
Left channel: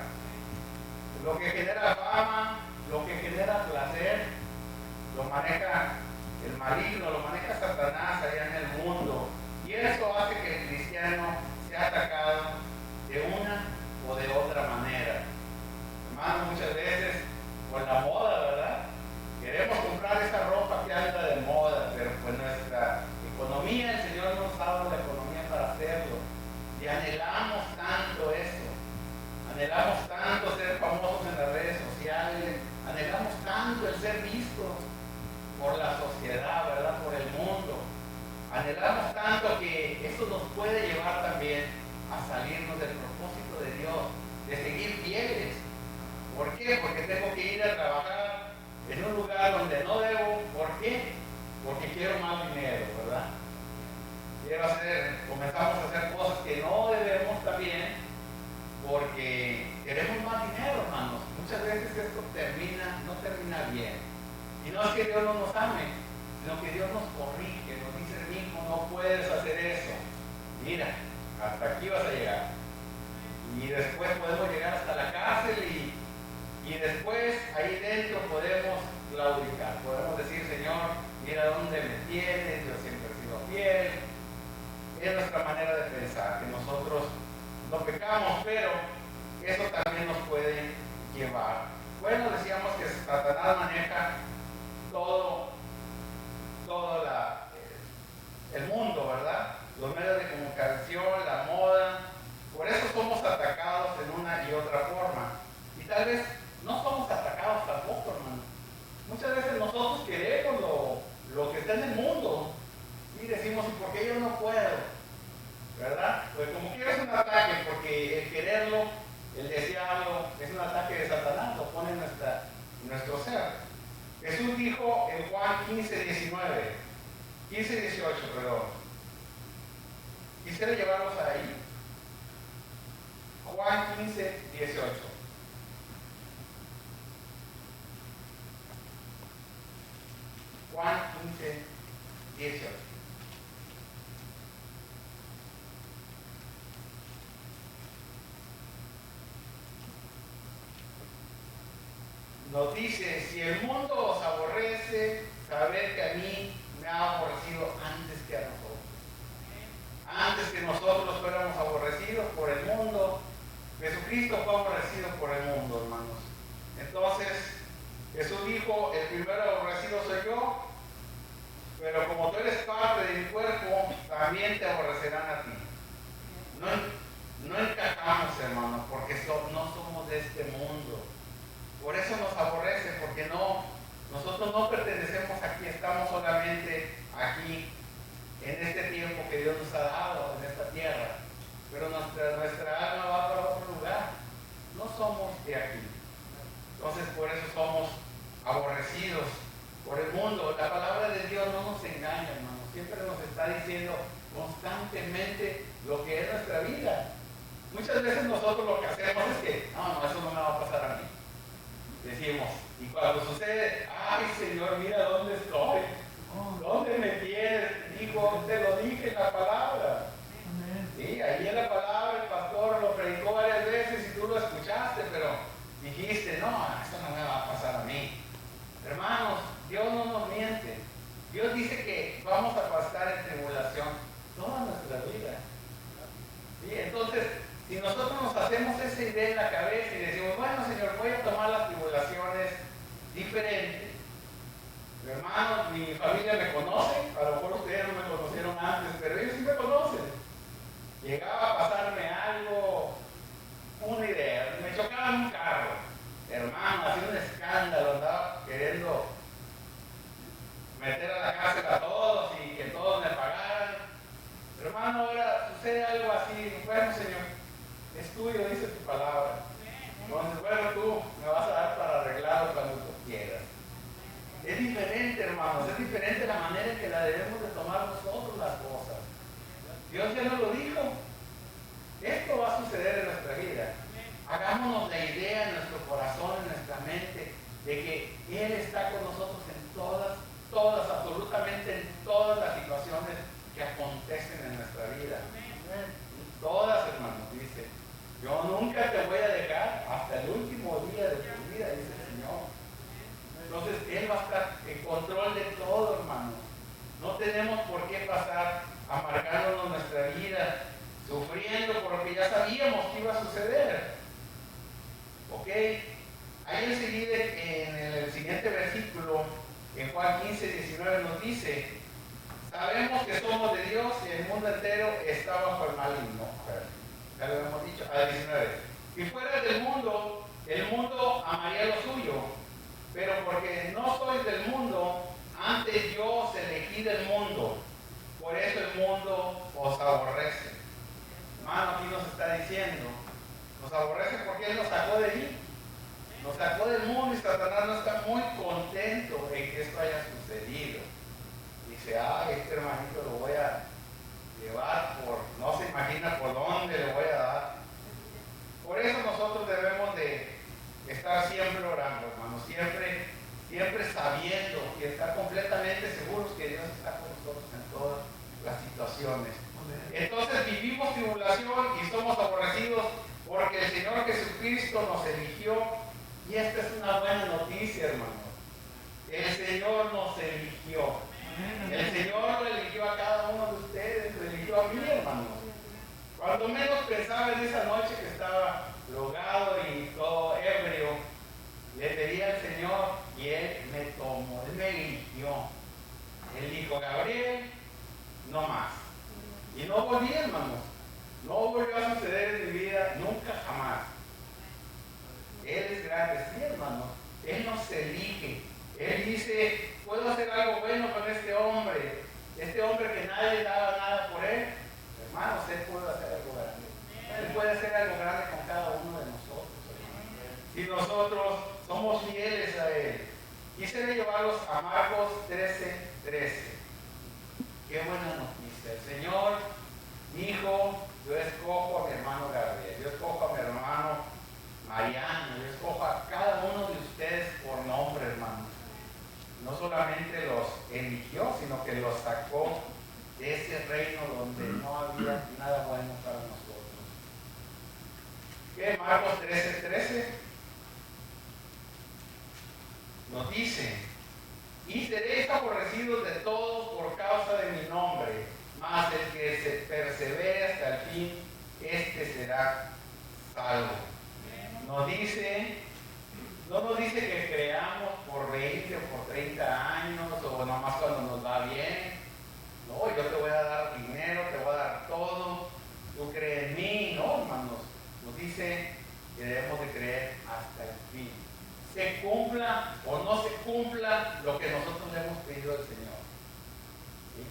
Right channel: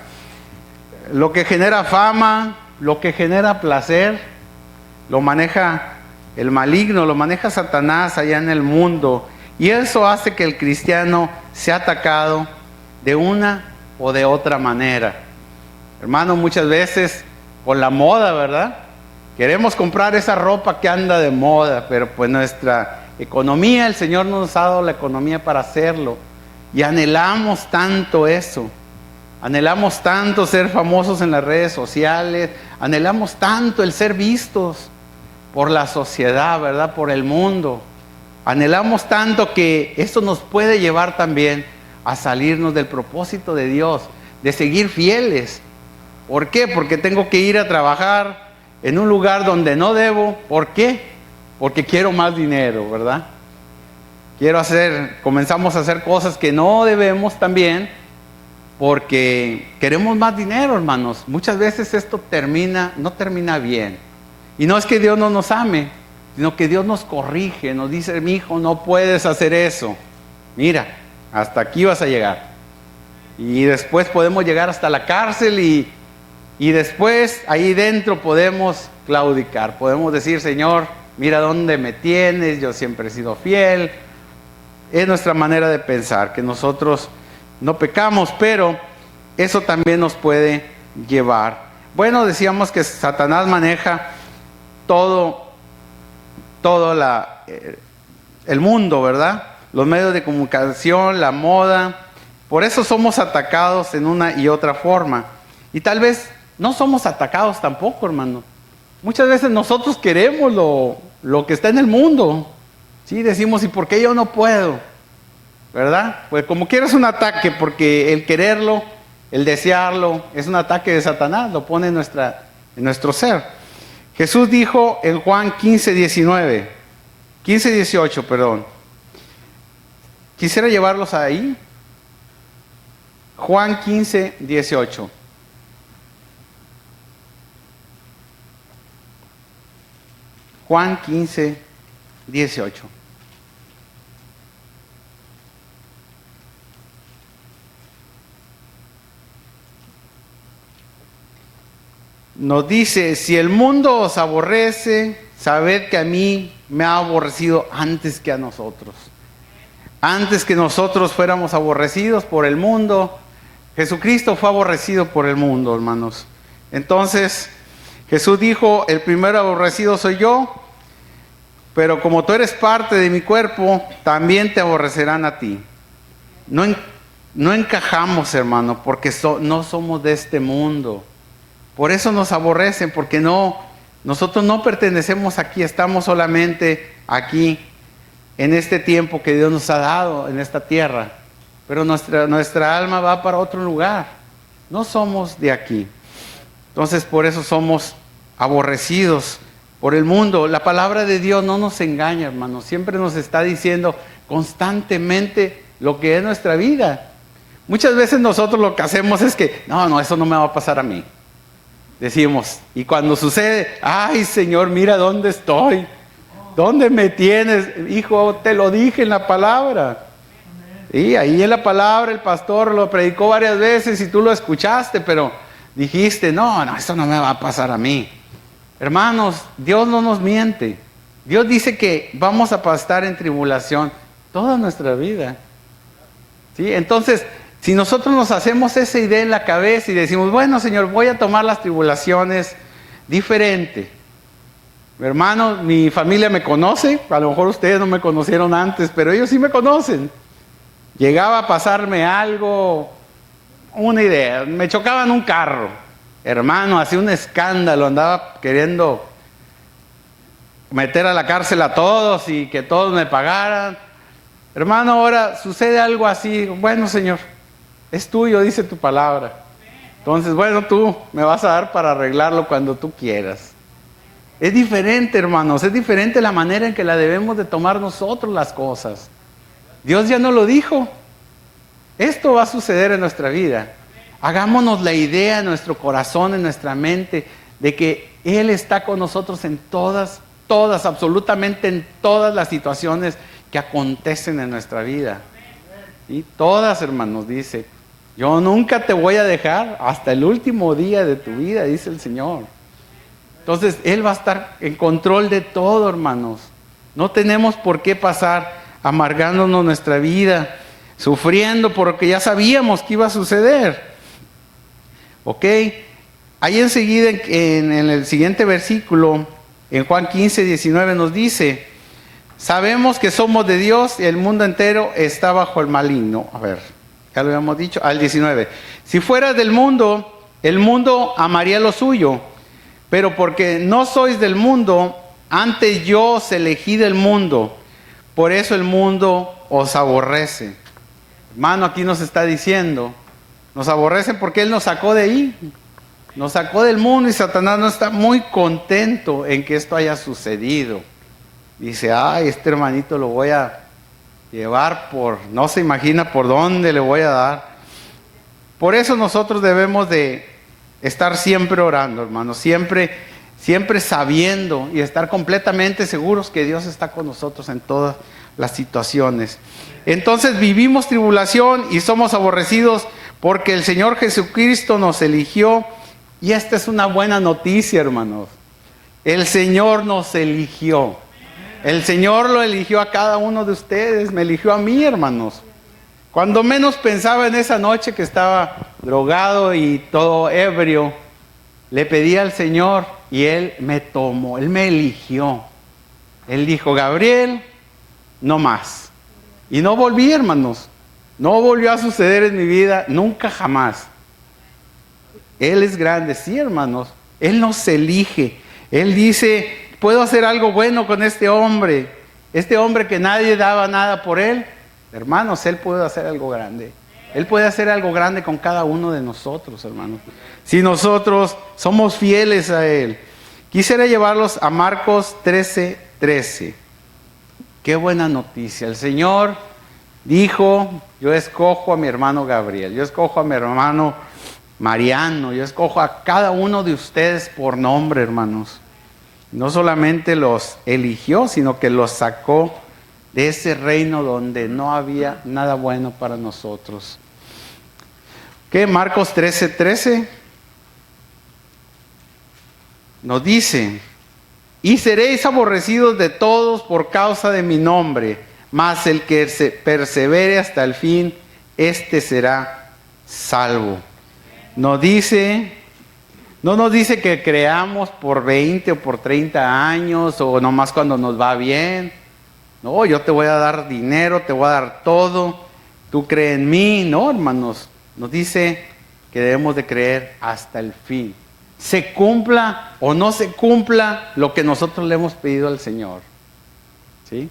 Lo que genera fama, lo que genera placer, lo maneja el maligno, lo maneja Satanás allá en el mundo. Y eso hace que el cristiano sea atacado de una o de otra manera. Hermano, muchas veces por la moda, ¿verdad? Queremos comprar esa ropa que anda de moda, pero pues nuestra economía, el Señor nos ha dado la economía para hacerlo. Y anhelamos tanto eso. Anhelamos tanto ser famosos en las redes sociales. Anhelamos tanto el ser vistos por la sociedad, ¿verdad? Por el mundo. Anhelamos tanto que esto nos puede llevar también a salirnos del propósito de Dios, de seguir fieles. ¿Por qué? Porque tengo que ir a trabajar en un lugar donde no debo. ¿Por qué? Porque quiero más dinero, ¿verdad? Comenzamos a hacer cosas que no debemos también porque queremos más dinero, hermanos. Muchas veces esto no termina bien. Y no es que Dios no nos ame, sino que Dios nos corrige, nos dice: mi hijo, no puedes hacer eso. Mira, hasta aquí vas a llegar. Y después podemos llegar hasta la cárcel y después ahí dentro podemos claudicar. Podemos decir: Señor, mira dónde me tienes, yo siempre he sido fiel. Es nuestra manera de pensar, que nosotros no pecamos, pero eso también nos puede llevar. Bueno, decíamos que Satanás maneja todo el mundo, ¿verdad? Los medios de comunicación, la moda. Por eso somos atacados en una y otra forma. Y tal vez no somos atacados tampoco, hermano. Muchas veces nosotros queremos lo que está en el mundo. Sí, decimos: ¿y por qué yo no puedo? ¿Verdad? Pues como quiera es un ataque, porque el quererlo, el desearlo, es un ataque de Satanás, lo pone en nuestro ser. Jesús dijo en Juan 15:18, perdón. Quisiera llevarlos ahí. Juan 15:18. Juan 15:18. Nos dice: si el mundo os aborrece, sabed que a mí me ha aborrecido antes que a nosotros. Antes que nosotros fuéramos aborrecidos por el mundo, Jesucristo fue aborrecido por el mundo, hermanos. Entonces, Jesús dijo: el primero aborrecido soy yo, pero como tú eres parte de mi cuerpo, también te aborrecerán a ti. No encajamos, hermano, porque no somos de este mundo. Por eso nos aborrecen, porque nosotros no pertenecemos aquí, estamos solamente aquí, en este tiempo que Dios nos ha dado, en esta tierra. Pero nuestra alma va para otro lugar, no somos de aquí. Entonces por eso somos aborrecidos por el mundo. La palabra de Dios no nos engaña, hermanos, siempre nos está diciendo constantemente lo que es nuestra vida. Muchas veces nosotros lo que hacemos es que, no, eso no me va a pasar a mí. Decimos, y cuando sucede: ay, Señor, mira dónde estoy, dónde me tienes, hijo, te lo dije en la palabra. Y ahí en la palabra el pastor lo predicó varias veces y tú lo escuchaste, pero dijiste: no, eso no me va a pasar a mí. Hermanos, Dios no nos miente. Dios dice que vamos a pasar en tribulación toda nuestra vida. ¿Sí? Entonces, si nosotros nos hacemos esa idea en la cabeza y decimos: bueno, Señor, voy a tomar las tribulaciones diferente. Hermano, mi familia me conoce, a lo mejor ustedes no me conocieron antes, pero ellos sí me conocen. Llegaba a pasarme algo una idea, me chocaban un carro, hermano, hacía un escándalo, andaba queriendo meter a la cárcel a todos y que todos me pagaran. Hermano, ahora sucede algo así, bueno, Señor, es tuyo, dice tu palabra. Entonces, bueno, tú me vas a dar para arreglarlo cuando tú quieras. Es diferente, hermanos, es diferente la manera en que la debemos de tomar nosotros las cosas. Dios ya nos lo dijo. Esto va a suceder en nuestra vida. Hagámonos la idea en nuestro corazón, en nuestra mente, de que Él está con nosotros en todas, absolutamente en todas las situaciones que acontecen en nuestra vida. Y todas, hermanos, dice, yo nunca te voy a dejar hasta el último día de tu vida, dice el Señor. Entonces, Él va a estar en control de todo, hermanos. No tenemos por qué pasar amargándonos nuestra vida, sufriendo porque ya sabíamos que iba a suceder. ¿Ok? Ahí enseguida, en el siguiente versículo, en Juan 15, 19 nos dice, sabemos que somos de Dios y el mundo entero está bajo el maligno. A ver, ya lo habíamos dicho, al 19. Si fueras del mundo, el mundo amaría lo suyo, pero porque no sois del mundo, antes yo os elegí del mundo, por eso el mundo os aborrece. Hermano, aquí nos está diciendo, nos aborrecen porque Él nos sacó de ahí, nos sacó del mundo, y Satanás no está muy contento en que esto haya sucedido. Dice, ay, este hermanito lo voy a llevar no se imagina por dónde le voy a dar. Por eso nosotros debemos de estar siempre orando, hermanos, siempre sabiendo y estar completamente seguros que Dios está con nosotros en todas las situaciones. Entonces vivimos tribulación y somos aborrecidos porque el Señor Jesucristo nos eligió, y esta es una buena noticia, hermanos. El Señor nos eligió. El Señor lo eligió a cada uno de ustedes, me eligió a mí, hermanos. Cuando menos pensaba en esa noche que estaba drogado y todo ebrio, le pedí al Señor y Él me tomó, Él me eligió. Él dijo, Gabriel, no más. Y no volví, hermanos. No volvió a suceder en mi vida, nunca jamás. Él es grande, sí, hermanos. Él nos elige. Él dice, puedo hacer algo bueno con este hombre que nadie daba nada por él. Hermanos, Él puede hacer algo grande. Él puede hacer algo grande con cada uno de nosotros, hermanos, si nosotros somos fieles a Él. Quisiera llevarlos a Marcos 13:13. Qué buena noticia. El Señor dijo, yo escojo a mi hermano Gabriel, yo escojo a mi hermano Mariano, yo escojo a cada uno de ustedes por nombre, hermanos. No solamente los eligió, sino que los sacó de ese reino donde no había nada bueno para nosotros. ¿Qué? Marcos 13:13 nos dice, y seréis aborrecidos de todos por causa de mi nombre, mas el que persevere hasta el fin, este será salvo. No nos dice que creamos por 20 o por 30 años o nomás cuando nos va bien. No, yo te voy a dar dinero, te voy a dar todo, tú crees en mí. No, hermanos, nos dice que debemos de creer hasta el fin. Se cumpla o no se cumpla lo que nosotros le hemos pedido al Señor. ¿Sí?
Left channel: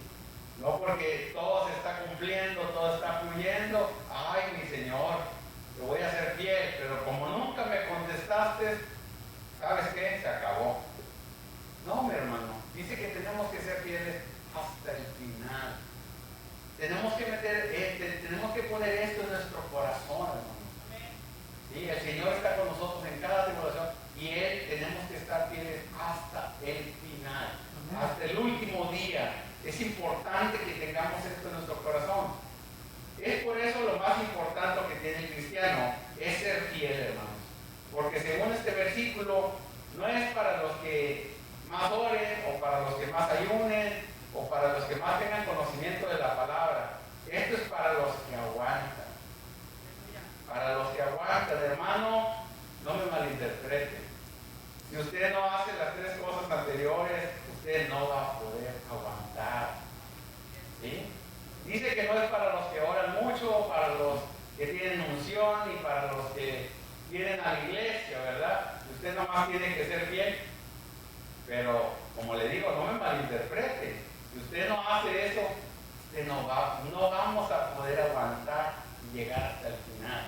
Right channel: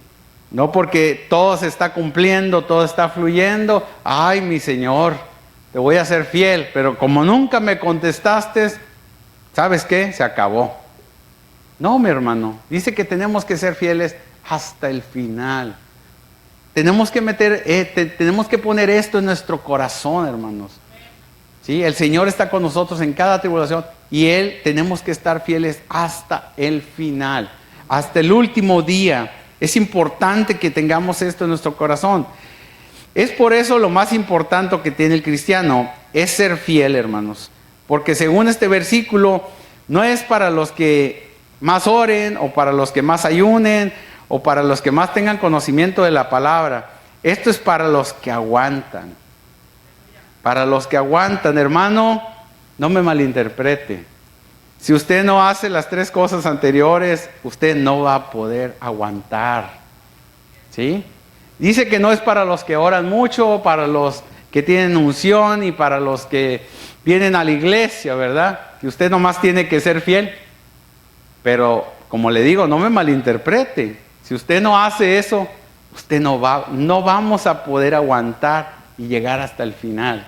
No porque todo se está cumpliendo, todo está fluyendo. Ay, mi Señor, te voy a ser fiel, pero como nunca me contestaste, ¿sabes qué? Se acabó. No, mi hermano, dice que tenemos que ser fieles hasta el final. Tenemos que poner esto en nuestro corazón, hermanos. ¿Sí? El Señor está con nosotros en cada tribulación y tenemos que estar fieles hasta el final, hasta el último día. Es importante que tengamos esto en nuestro corazón. Es por eso lo más importante que tiene el cristiano es ser fiel, hermanos. Porque según este versículo, no es para los que más oren o para los que más ayunen o para los que más tengan conocimiento de la palabra. Esto es para los que aguantan. Para los que aguantan, hermano, no me malinterprete. Si usted no hace las 3 cosas anteriores, usted no va a poder aguantar. ¿Sí? Dice que no es para los que oran mucho, para los que tienen unción y para los que vienen a la iglesia, ¿verdad? Y usted nomás tiene que ser fiel. Pero, como le digo, no me malinterprete. Si usted no hace eso, usted no vamos a poder aguantar y llegar hasta el final.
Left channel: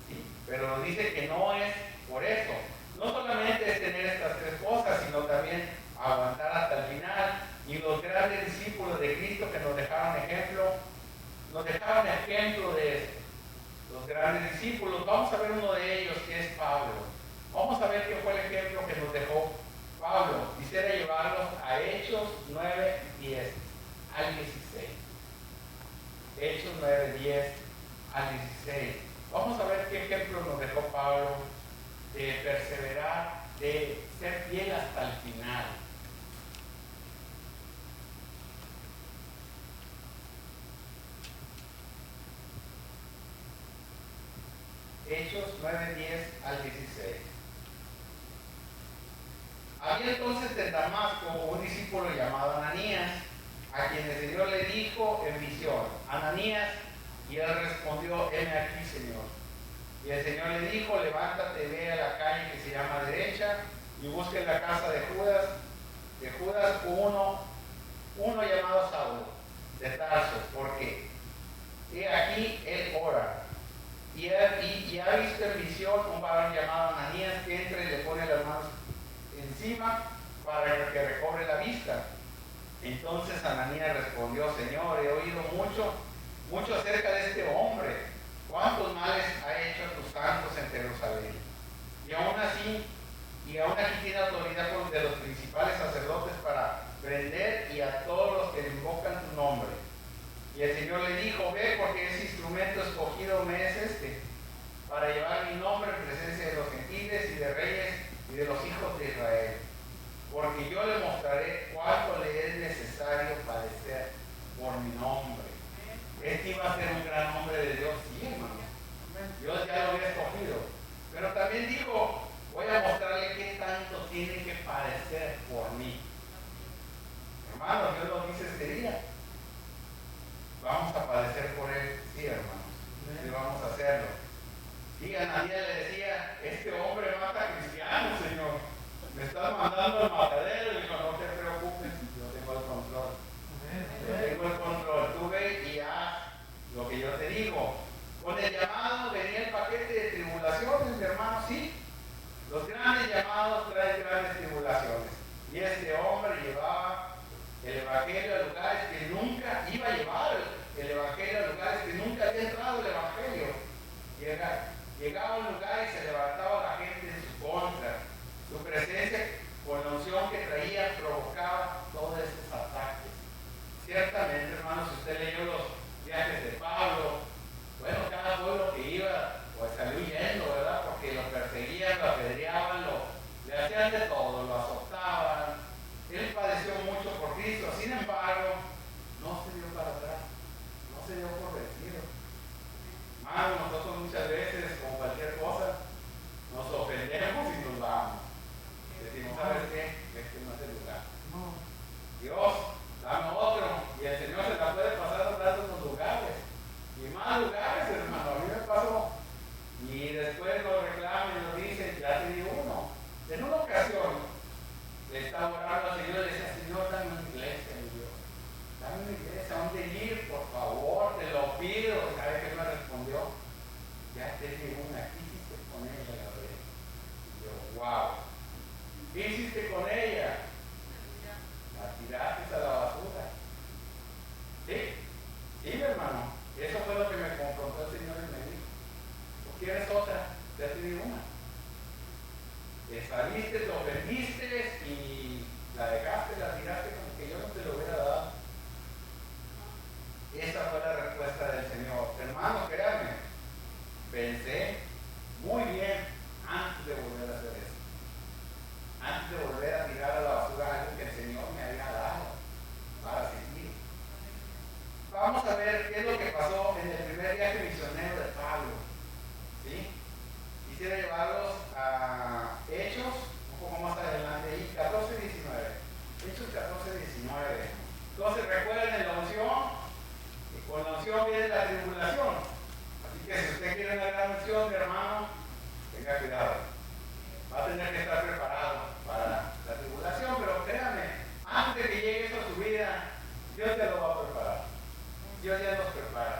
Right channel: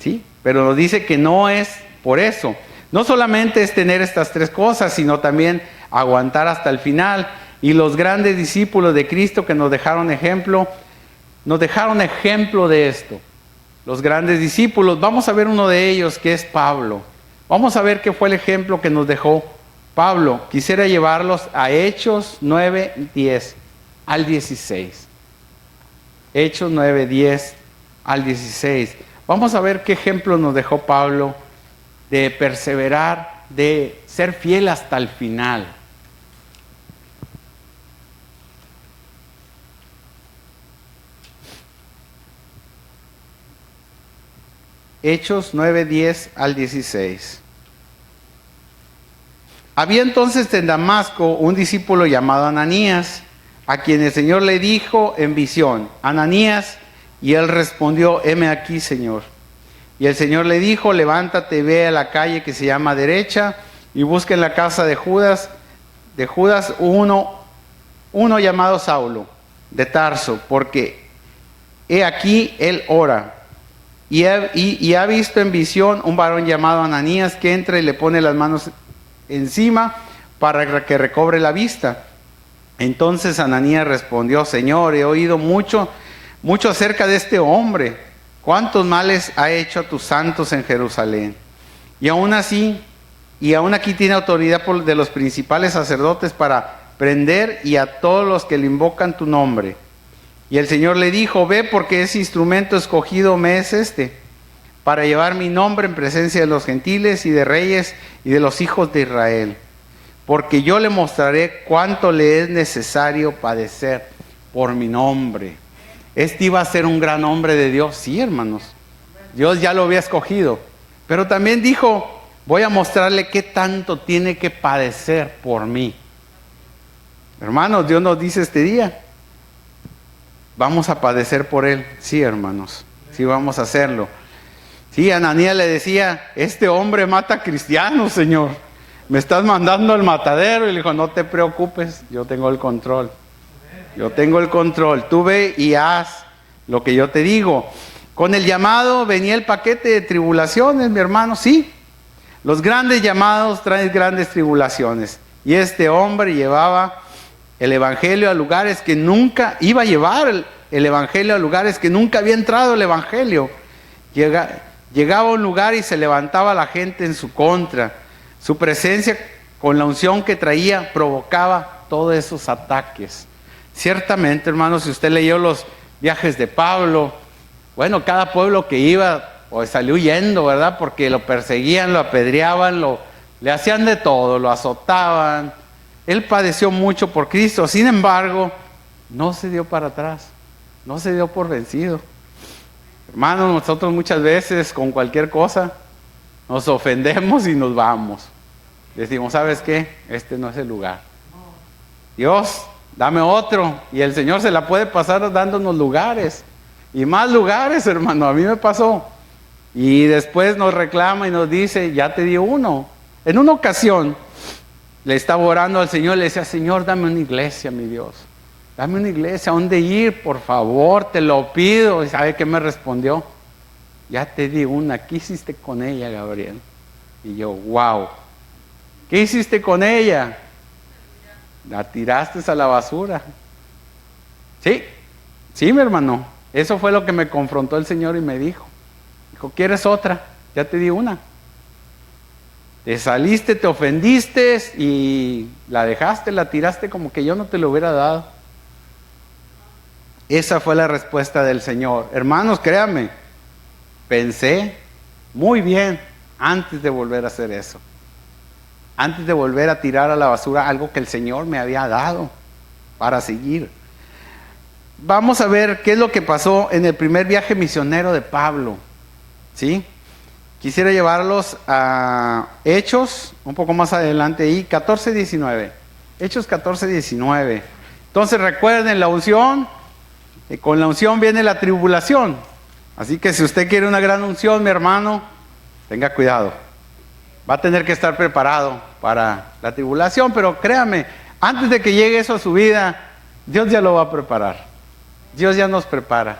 ¿Sí? Pero nos dice que no es por eso. No solamente es tener estas tres cosas, sino también aguantar hasta el final. Y los grandes discípulos de Cristo que nos dejaron ejemplo de esto. Los grandes discípulos, vamos a ver uno de ellos que es Pablo. Vamos a ver qué fue el ejemplo que nos dejó Pablo. Quisiera llevarlos a Hechos 9, 10 al 16. Hechos 9, 10 al 16. Vamos a ver qué ejemplo nos dejó Pablo de perseverar, de ser fiel hasta el final. Hechos 9, 10 al 16. Había entonces en Damasco un discípulo llamado Ananías, a quien el Señor le dijo en visión: Ananías, y él respondió: heme aquí, Señor. Y el Señor le dijo: levántate, ve a la calle que se llama Derecha, y busca en la casa de Judas uno llamado Saulo, de Tarso, porque he aquí él ora. Y ha visto en visión un varón llamado Ananías que entra y le pone las manos encima para que recobre la vista. Entonces Ananías respondió: Señor, he oído mucho acerca de este hombre, cuántos males ha hecho a tus santos en Jerusalén. Y aún aquí tiene autoridad de los principales sacerdotes para prender y a todos los que le invocan tu nombre. Y el Señor le dijo: ve, porque ese instrumento escogido me es para llevar mi nombre en presencia de los gentiles y de reyes y de los hijos de Israel. Porque yo le mostraré cuánto le es necesario padecer por mi nombre. Este iba a ser un gran hombre de Dios, sí, hermanos. Dios ya lo había escogido. Pero también dijo: voy a mostrarle qué tanto tiene que padecer por mí. Hermanos, Dios nos dice este día: vamos a padecer por él. Sí, hermanos, sí vamos a hacerlo. Sí, Ananías le decía: este hombre mata cristianos, Señor. Me estás mandando al matadero. Y le dijo: no te preocupes, yo tengo el control. Yo tengo el control. Tú ve y haz lo que yo te digo. Con el llamado venía el paquete de tribulaciones, mi hermano. Sí, los grandes llamados traen grandes tribulaciones. Y este hombre llevaba el evangelio a lugares que nunca iba a llevar, el evangelio a lugares que nunca había entrado el evangelio. Llegaba a un lugar y se levantaba la gente en su contra. Su presencia con la unción que traía provocaba todos esos ataques. Ciertamente, hermanos, si usted leyó los viajes de Pablo, bueno, cada pueblo que iba pues salió huyendo, ¿verdad? Porque lo perseguían, lo apedreaban, le hacían de todo, lo azotaban. Él padeció mucho por Cristo. Sin embargo, no se dio para atrás, no se dio por vencido. Hermanos, nosotros muchas veces con cualquier cosa nos ofendemos y nos vamos. Decimos: ¿sabes qué? Este no es el lugar. Dios, dame otro. Y el Señor se la puede pasar dándonos lugares. Y más lugares, hermano. A mí me pasó. Y después nos reclama y nos dice: ya te di uno. En una ocasión le estaba orando al Señor, le decía: Señor, dame una iglesia, mi Dios. Dame una iglesia, ¿a dónde ir? Por favor, te lo pido. ¿Y sabe qué me respondió? Ya te di una. ¿Qué hiciste con ella, Gabriel? Y yo: wow. ¿Qué hiciste con ella? La tiraste a la basura. Sí, sí, mi hermano. Eso fue lo que me confrontó el Señor y me dijo: ¿quieres otra? Ya te di una. Te saliste, te ofendiste y la dejaste, la tiraste como que yo no te lo hubiera dado. Esa fue la respuesta del Señor. Hermanos, créanme, pensé muy bien antes de volver a hacer eso. Antes de volver a tirar a la basura algo que el Señor me había dado para seguir. Vamos a ver qué es lo que pasó en el primer viaje misionero de Pablo. ¿Sí? Quisiera llevarlos a Hechos, un poco más adelante ahí, 14:19. Hechos 14:19. Entonces recuerden la unción, y con la unción viene la tribulación. Así que si usted quiere una gran unción, mi hermano, tenga cuidado. Va a tener que estar preparado para la tribulación, pero créame, antes de que llegue eso a su vida, Dios ya lo va a preparar. Dios ya nos prepara,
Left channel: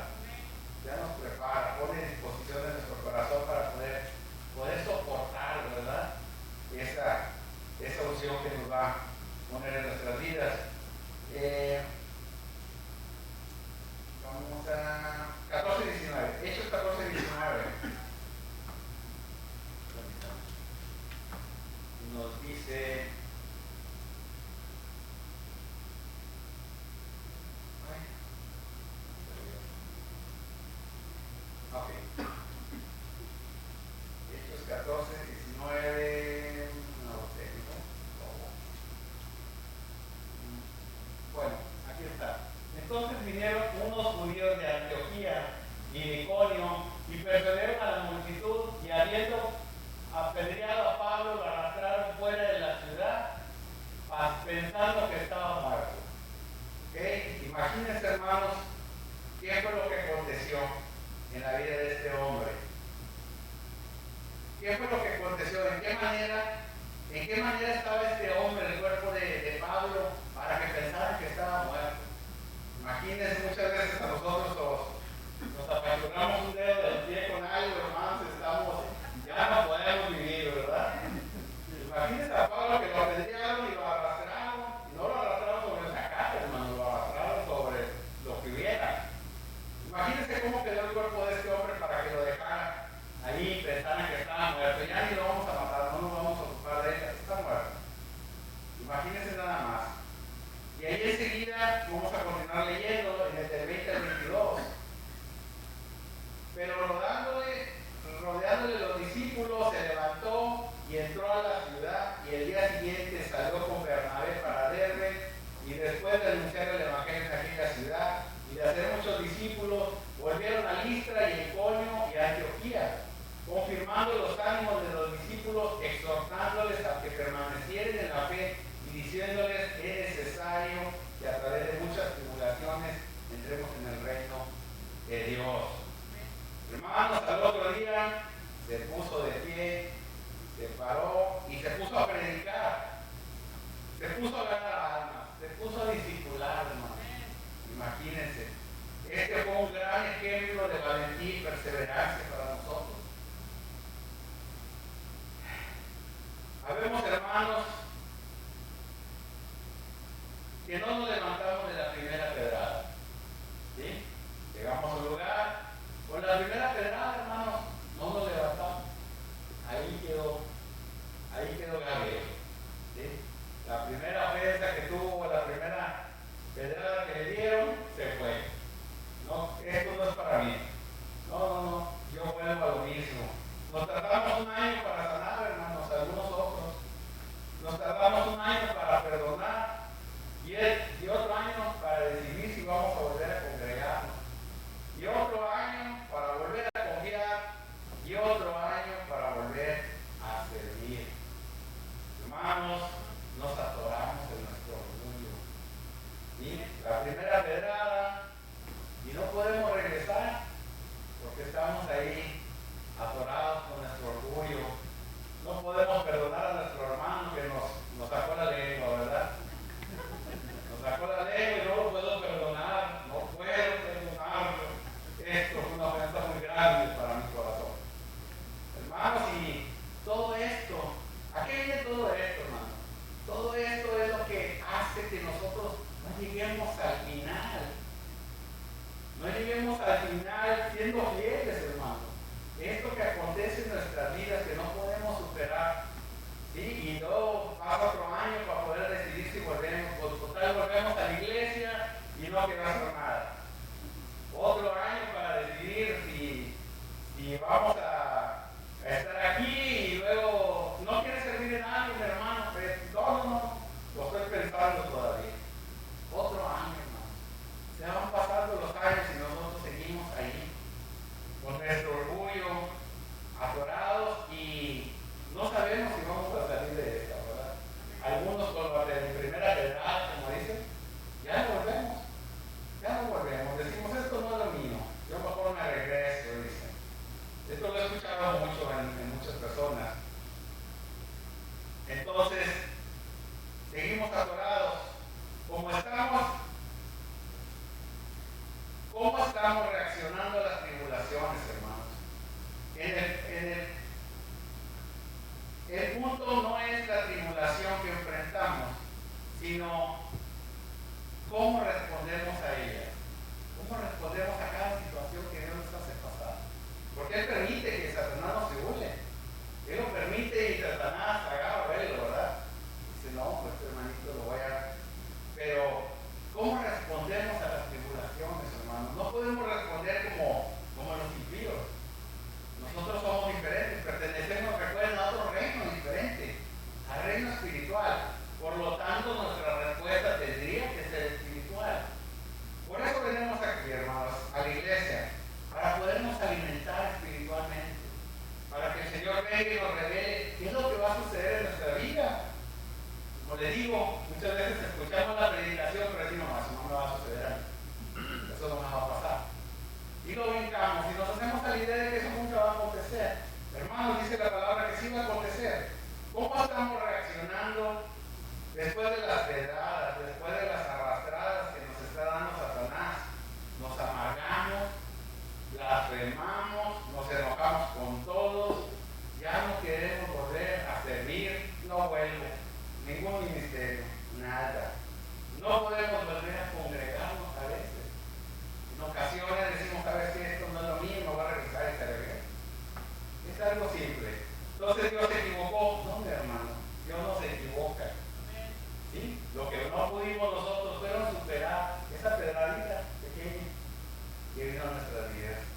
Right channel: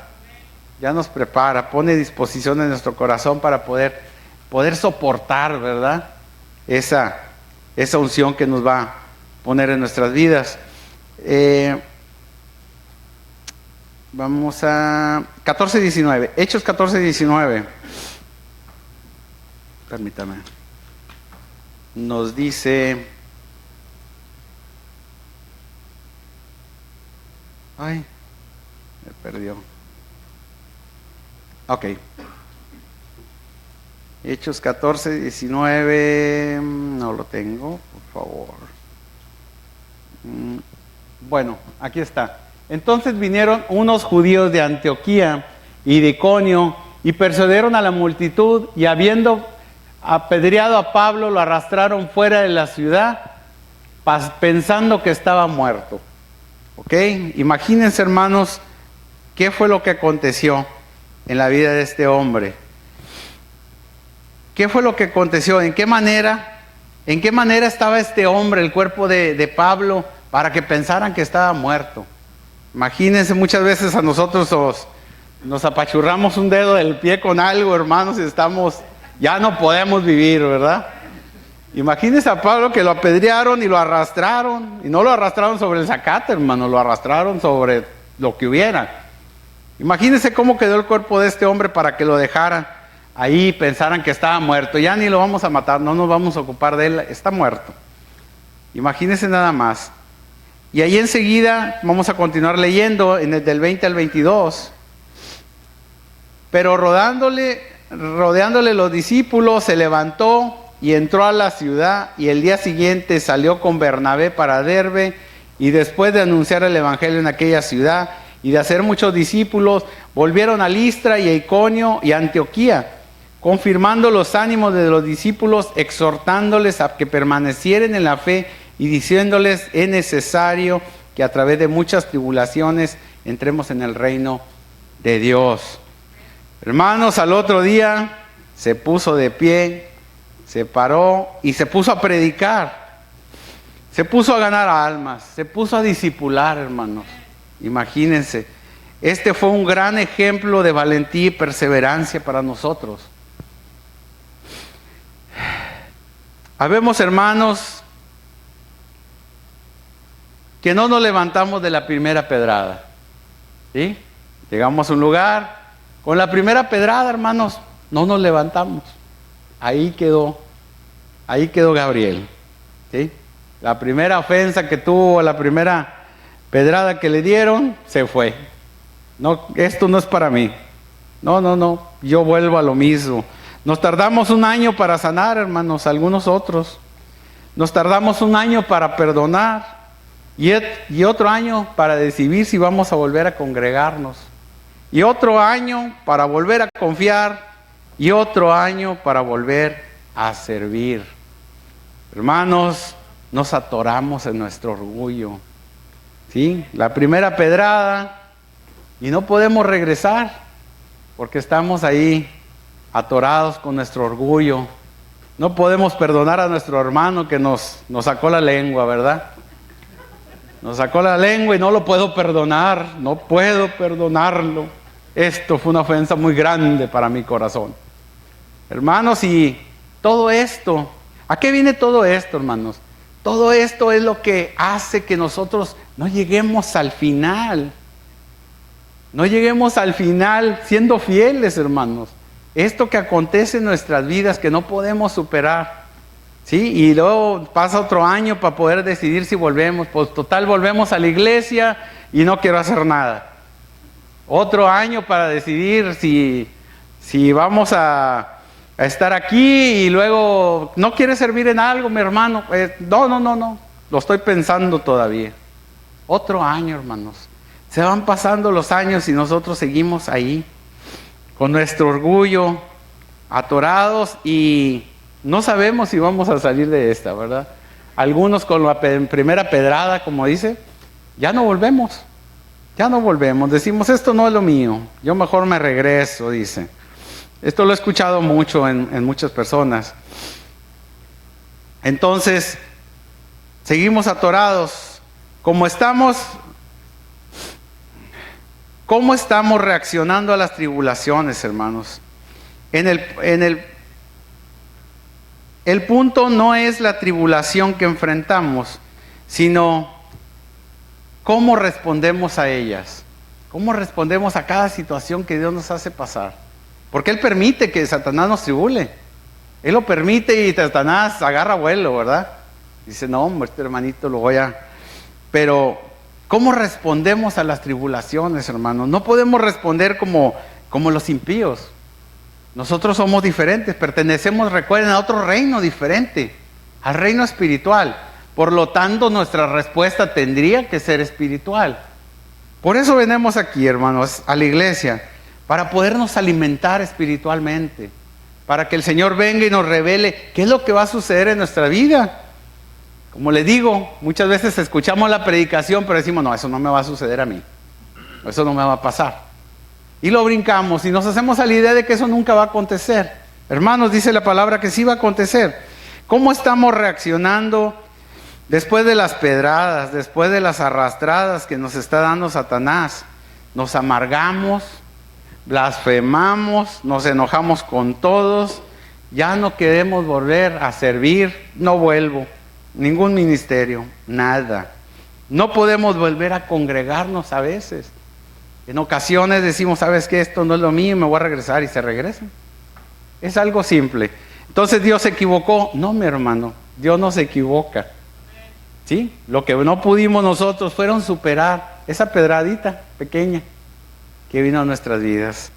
pone disposición en nuestro corazón para poder soportar, ¿verdad? Esa unción que nos va a poner en nuestras vidas. Vamos a 14:19, Hechos 14:19. Permítame. Nos dice, ay, me perdió. Ok. Hechos 14:19, no lo tengo, por favor. Bueno, aquí está. Entonces vinieron unos judíos de Antioquía y de Iconio y persuadieron a la multitud, y habiendo apedreado a Pablo, lo arrastraron fuera de la ciudad, pensando que estaba muerto. ¿Ok? Imagínense, hermanos, qué fue lo que aconteció en la vida de este hombre. ¿Qué fue lo que aconteció? ¿En qué manera estaba este hombre, el cuerpo de Pablo, para que pensaran que estaba muerto? Imagínense, muchas veces a nosotros nos apachurramos un dedo del pie con algo, hermanos, y ya no podemos vivir, ¿verdad? Imagínense a Pablo, que lo apedrearon y lo arrastraron, y no lo arrastraron sobre el zacate, hermano, lo arrastraron sobre lo que hubiera. Imagínense cómo quedó el cuerpo de este hombre para que lo dejaran ahí, pensaran que estaba muerto. Ya ni lo vamos a matar, no nos vamos a ocupar de él, está muerto. Imagínense nada más. Y ahí enseguida vamos a continuar leyendo del 20 al 22. Pero rodeándole los discípulos, se levantó y entró a la ciudad, y el día siguiente salió con Bernabé para Derbe, y después de anunciar el evangelio en aquella ciudad y de hacer muchos discípulos, volvieron a Listra y a Iconio y a Antioquía, confirmando los ánimos de los discípulos, exhortándoles a que permanecieran en la fe y diciéndoles: es necesario que a través de muchas tribulaciones entremos en el reino de Dios. Hermanos, al otro día se puso de pie, se paró y se puso a predicar. Se puso a ganar almas, se puso a discipular, hermanos. Imagínense, este fue un gran ejemplo de valentía y perseverancia para nosotros. Habemos, hermanos, que no nos levantamos de la primera pedrada, ¿sí? Llegamos a un lugar, con la primera pedrada, hermanos, no nos levantamos. Ahí quedó Gabriel, ¿sí? La primera ofensa que tuvo, la primera pedrada que le dieron, se fue. No, esto no es para mí. No, yo vuelvo a lo mismo. Nos tardamos un año para sanar, hermanos, algunos otros. Nos tardamos un año para perdonar, y otro año para decidir si vamos a volver a congregarnos, y otro año para volver a confiar, y otro año para volver a servir. Hermanos, nos atoramos en nuestro orgullo, ¿sí? La primera pedrada, y no podemos regresar porque estamos ahí atorados con nuestro orgullo. No podemos perdonar a nuestro hermano que nos sacó la lengua, ¿verdad? Nos sacó la lengua y no lo puedo perdonar, no puedo perdonarlo. Esto fue una ofensa muy grande para mi corazón. Hermanos, y todo esto, ¿a qué viene todo esto, hermanos? Todo esto es lo que hace que nosotros no lleguemos al final. No lleguemos al final siendo fieles, hermanos. Esto que acontece en nuestras vidas, que no podemos superar, ¿sí? Y luego pasa otro año para poder decidir si volvemos. Pues total, volvemos a la iglesia y no quiero hacer nada. Otro año para decidir si vamos a estar aquí, y luego no quieres servir en algo, mi hermano. No, lo estoy pensando todavía. Otro año, hermanos. Se van pasando los años y nosotros seguimos ahí con nuestro orgullo, atorados, y no sabemos si vamos a salir de esta, ¿verdad? Algunos con la primera pedrada, como dice, ya no volvemos. Ya no volvemos, decimos, esto no es lo mío, yo mejor me regreso, dice. Esto lo he escuchado mucho en muchas personas. Entonces, seguimos atorados. ¿Cómo estamos reaccionando a las tribulaciones, hermanos? El punto no es la tribulación que enfrentamos, sino cómo respondemos a ellas. Cómo respondemos a cada situación que Dios nos hace pasar. Porque Él permite que Satanás nos tribule. Él lo permite y Satanás agarra vuelo, ¿verdad? Dice, no, hombre, este hermanito lo voy a... Pero, ¿cómo respondemos a las tribulaciones, hermanos? No podemos responder como los impíos. Nosotros somos diferentes, pertenecemos, recuerden, a otro reino diferente, al reino espiritual. Por lo tanto, nuestra respuesta tendría que ser espiritual. Por eso venimos aquí, hermanos, a la iglesia, para podernos alimentar espiritualmente, para que el Señor venga y nos revele qué es lo que va a suceder en nuestra vida. Como les digo, muchas veces escuchamos la predicación, pero decimos, no, eso no me va a suceder a mí, eso no me va a pasar. Y lo brincamos y nos hacemos a la idea de que eso nunca va a acontecer. Hermanos, dice la palabra que sí va a acontecer. ¿Cómo estamos reaccionando después de las pedradas, después de las arrastradas que nos está dando Satanás? Nos amargamos, blasfemamos, nos enojamos con todos, ya no queremos volver a servir, no vuelvo, ningún ministerio, nada. No podemos volver a congregarnos a veces. En ocasiones decimos, ¿sabes qué? Esto no es lo mío, me voy a regresar, y se regresan. Es algo simple. Entonces, ¿Dios se equivocó? No, mi hermano, Dios no se equivoca. ¿Sí? Lo que no pudimos nosotros fueron superar esa pedradita pequeña que vino a nuestras vidas.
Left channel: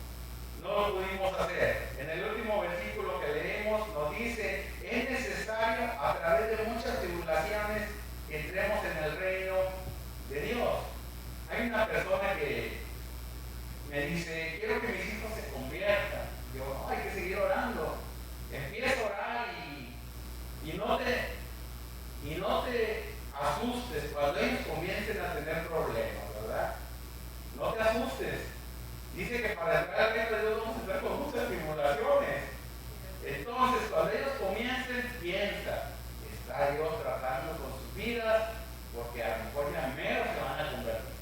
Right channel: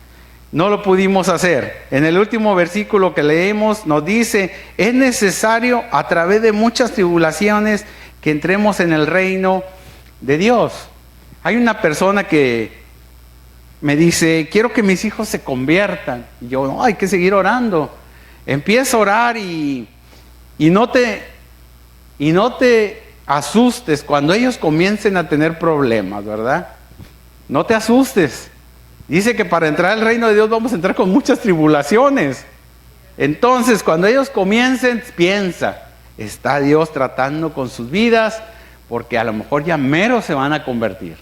No lo pudimos hacer. En el último versículo que leemos nos dice, es necesario a través de muchas tribulaciones que entremos en el reino de Dios. Hay una persona que me dice, quiero que mis hijos se conviertan. Y yo, no, hay que seguir orando. Empieza a orar y no te asustes cuando ellos comiencen a tener problemas, ¿verdad? No te asustes. Dice que para entrar al reino de Dios vamos a entrar con muchas tribulaciones. Entonces, cuando ellos comiencen, piensa, está Dios tratando con sus vidas, porque a lo mejor ya mero se van a convertir.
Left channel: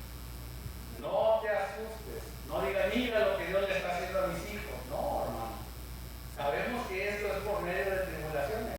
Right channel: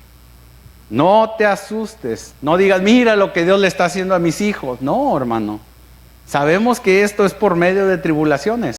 No te asustes, no digas, mira lo que Dios le está haciendo a mis hijos. No, hermano, sabemos que esto es por medio de tribulaciones.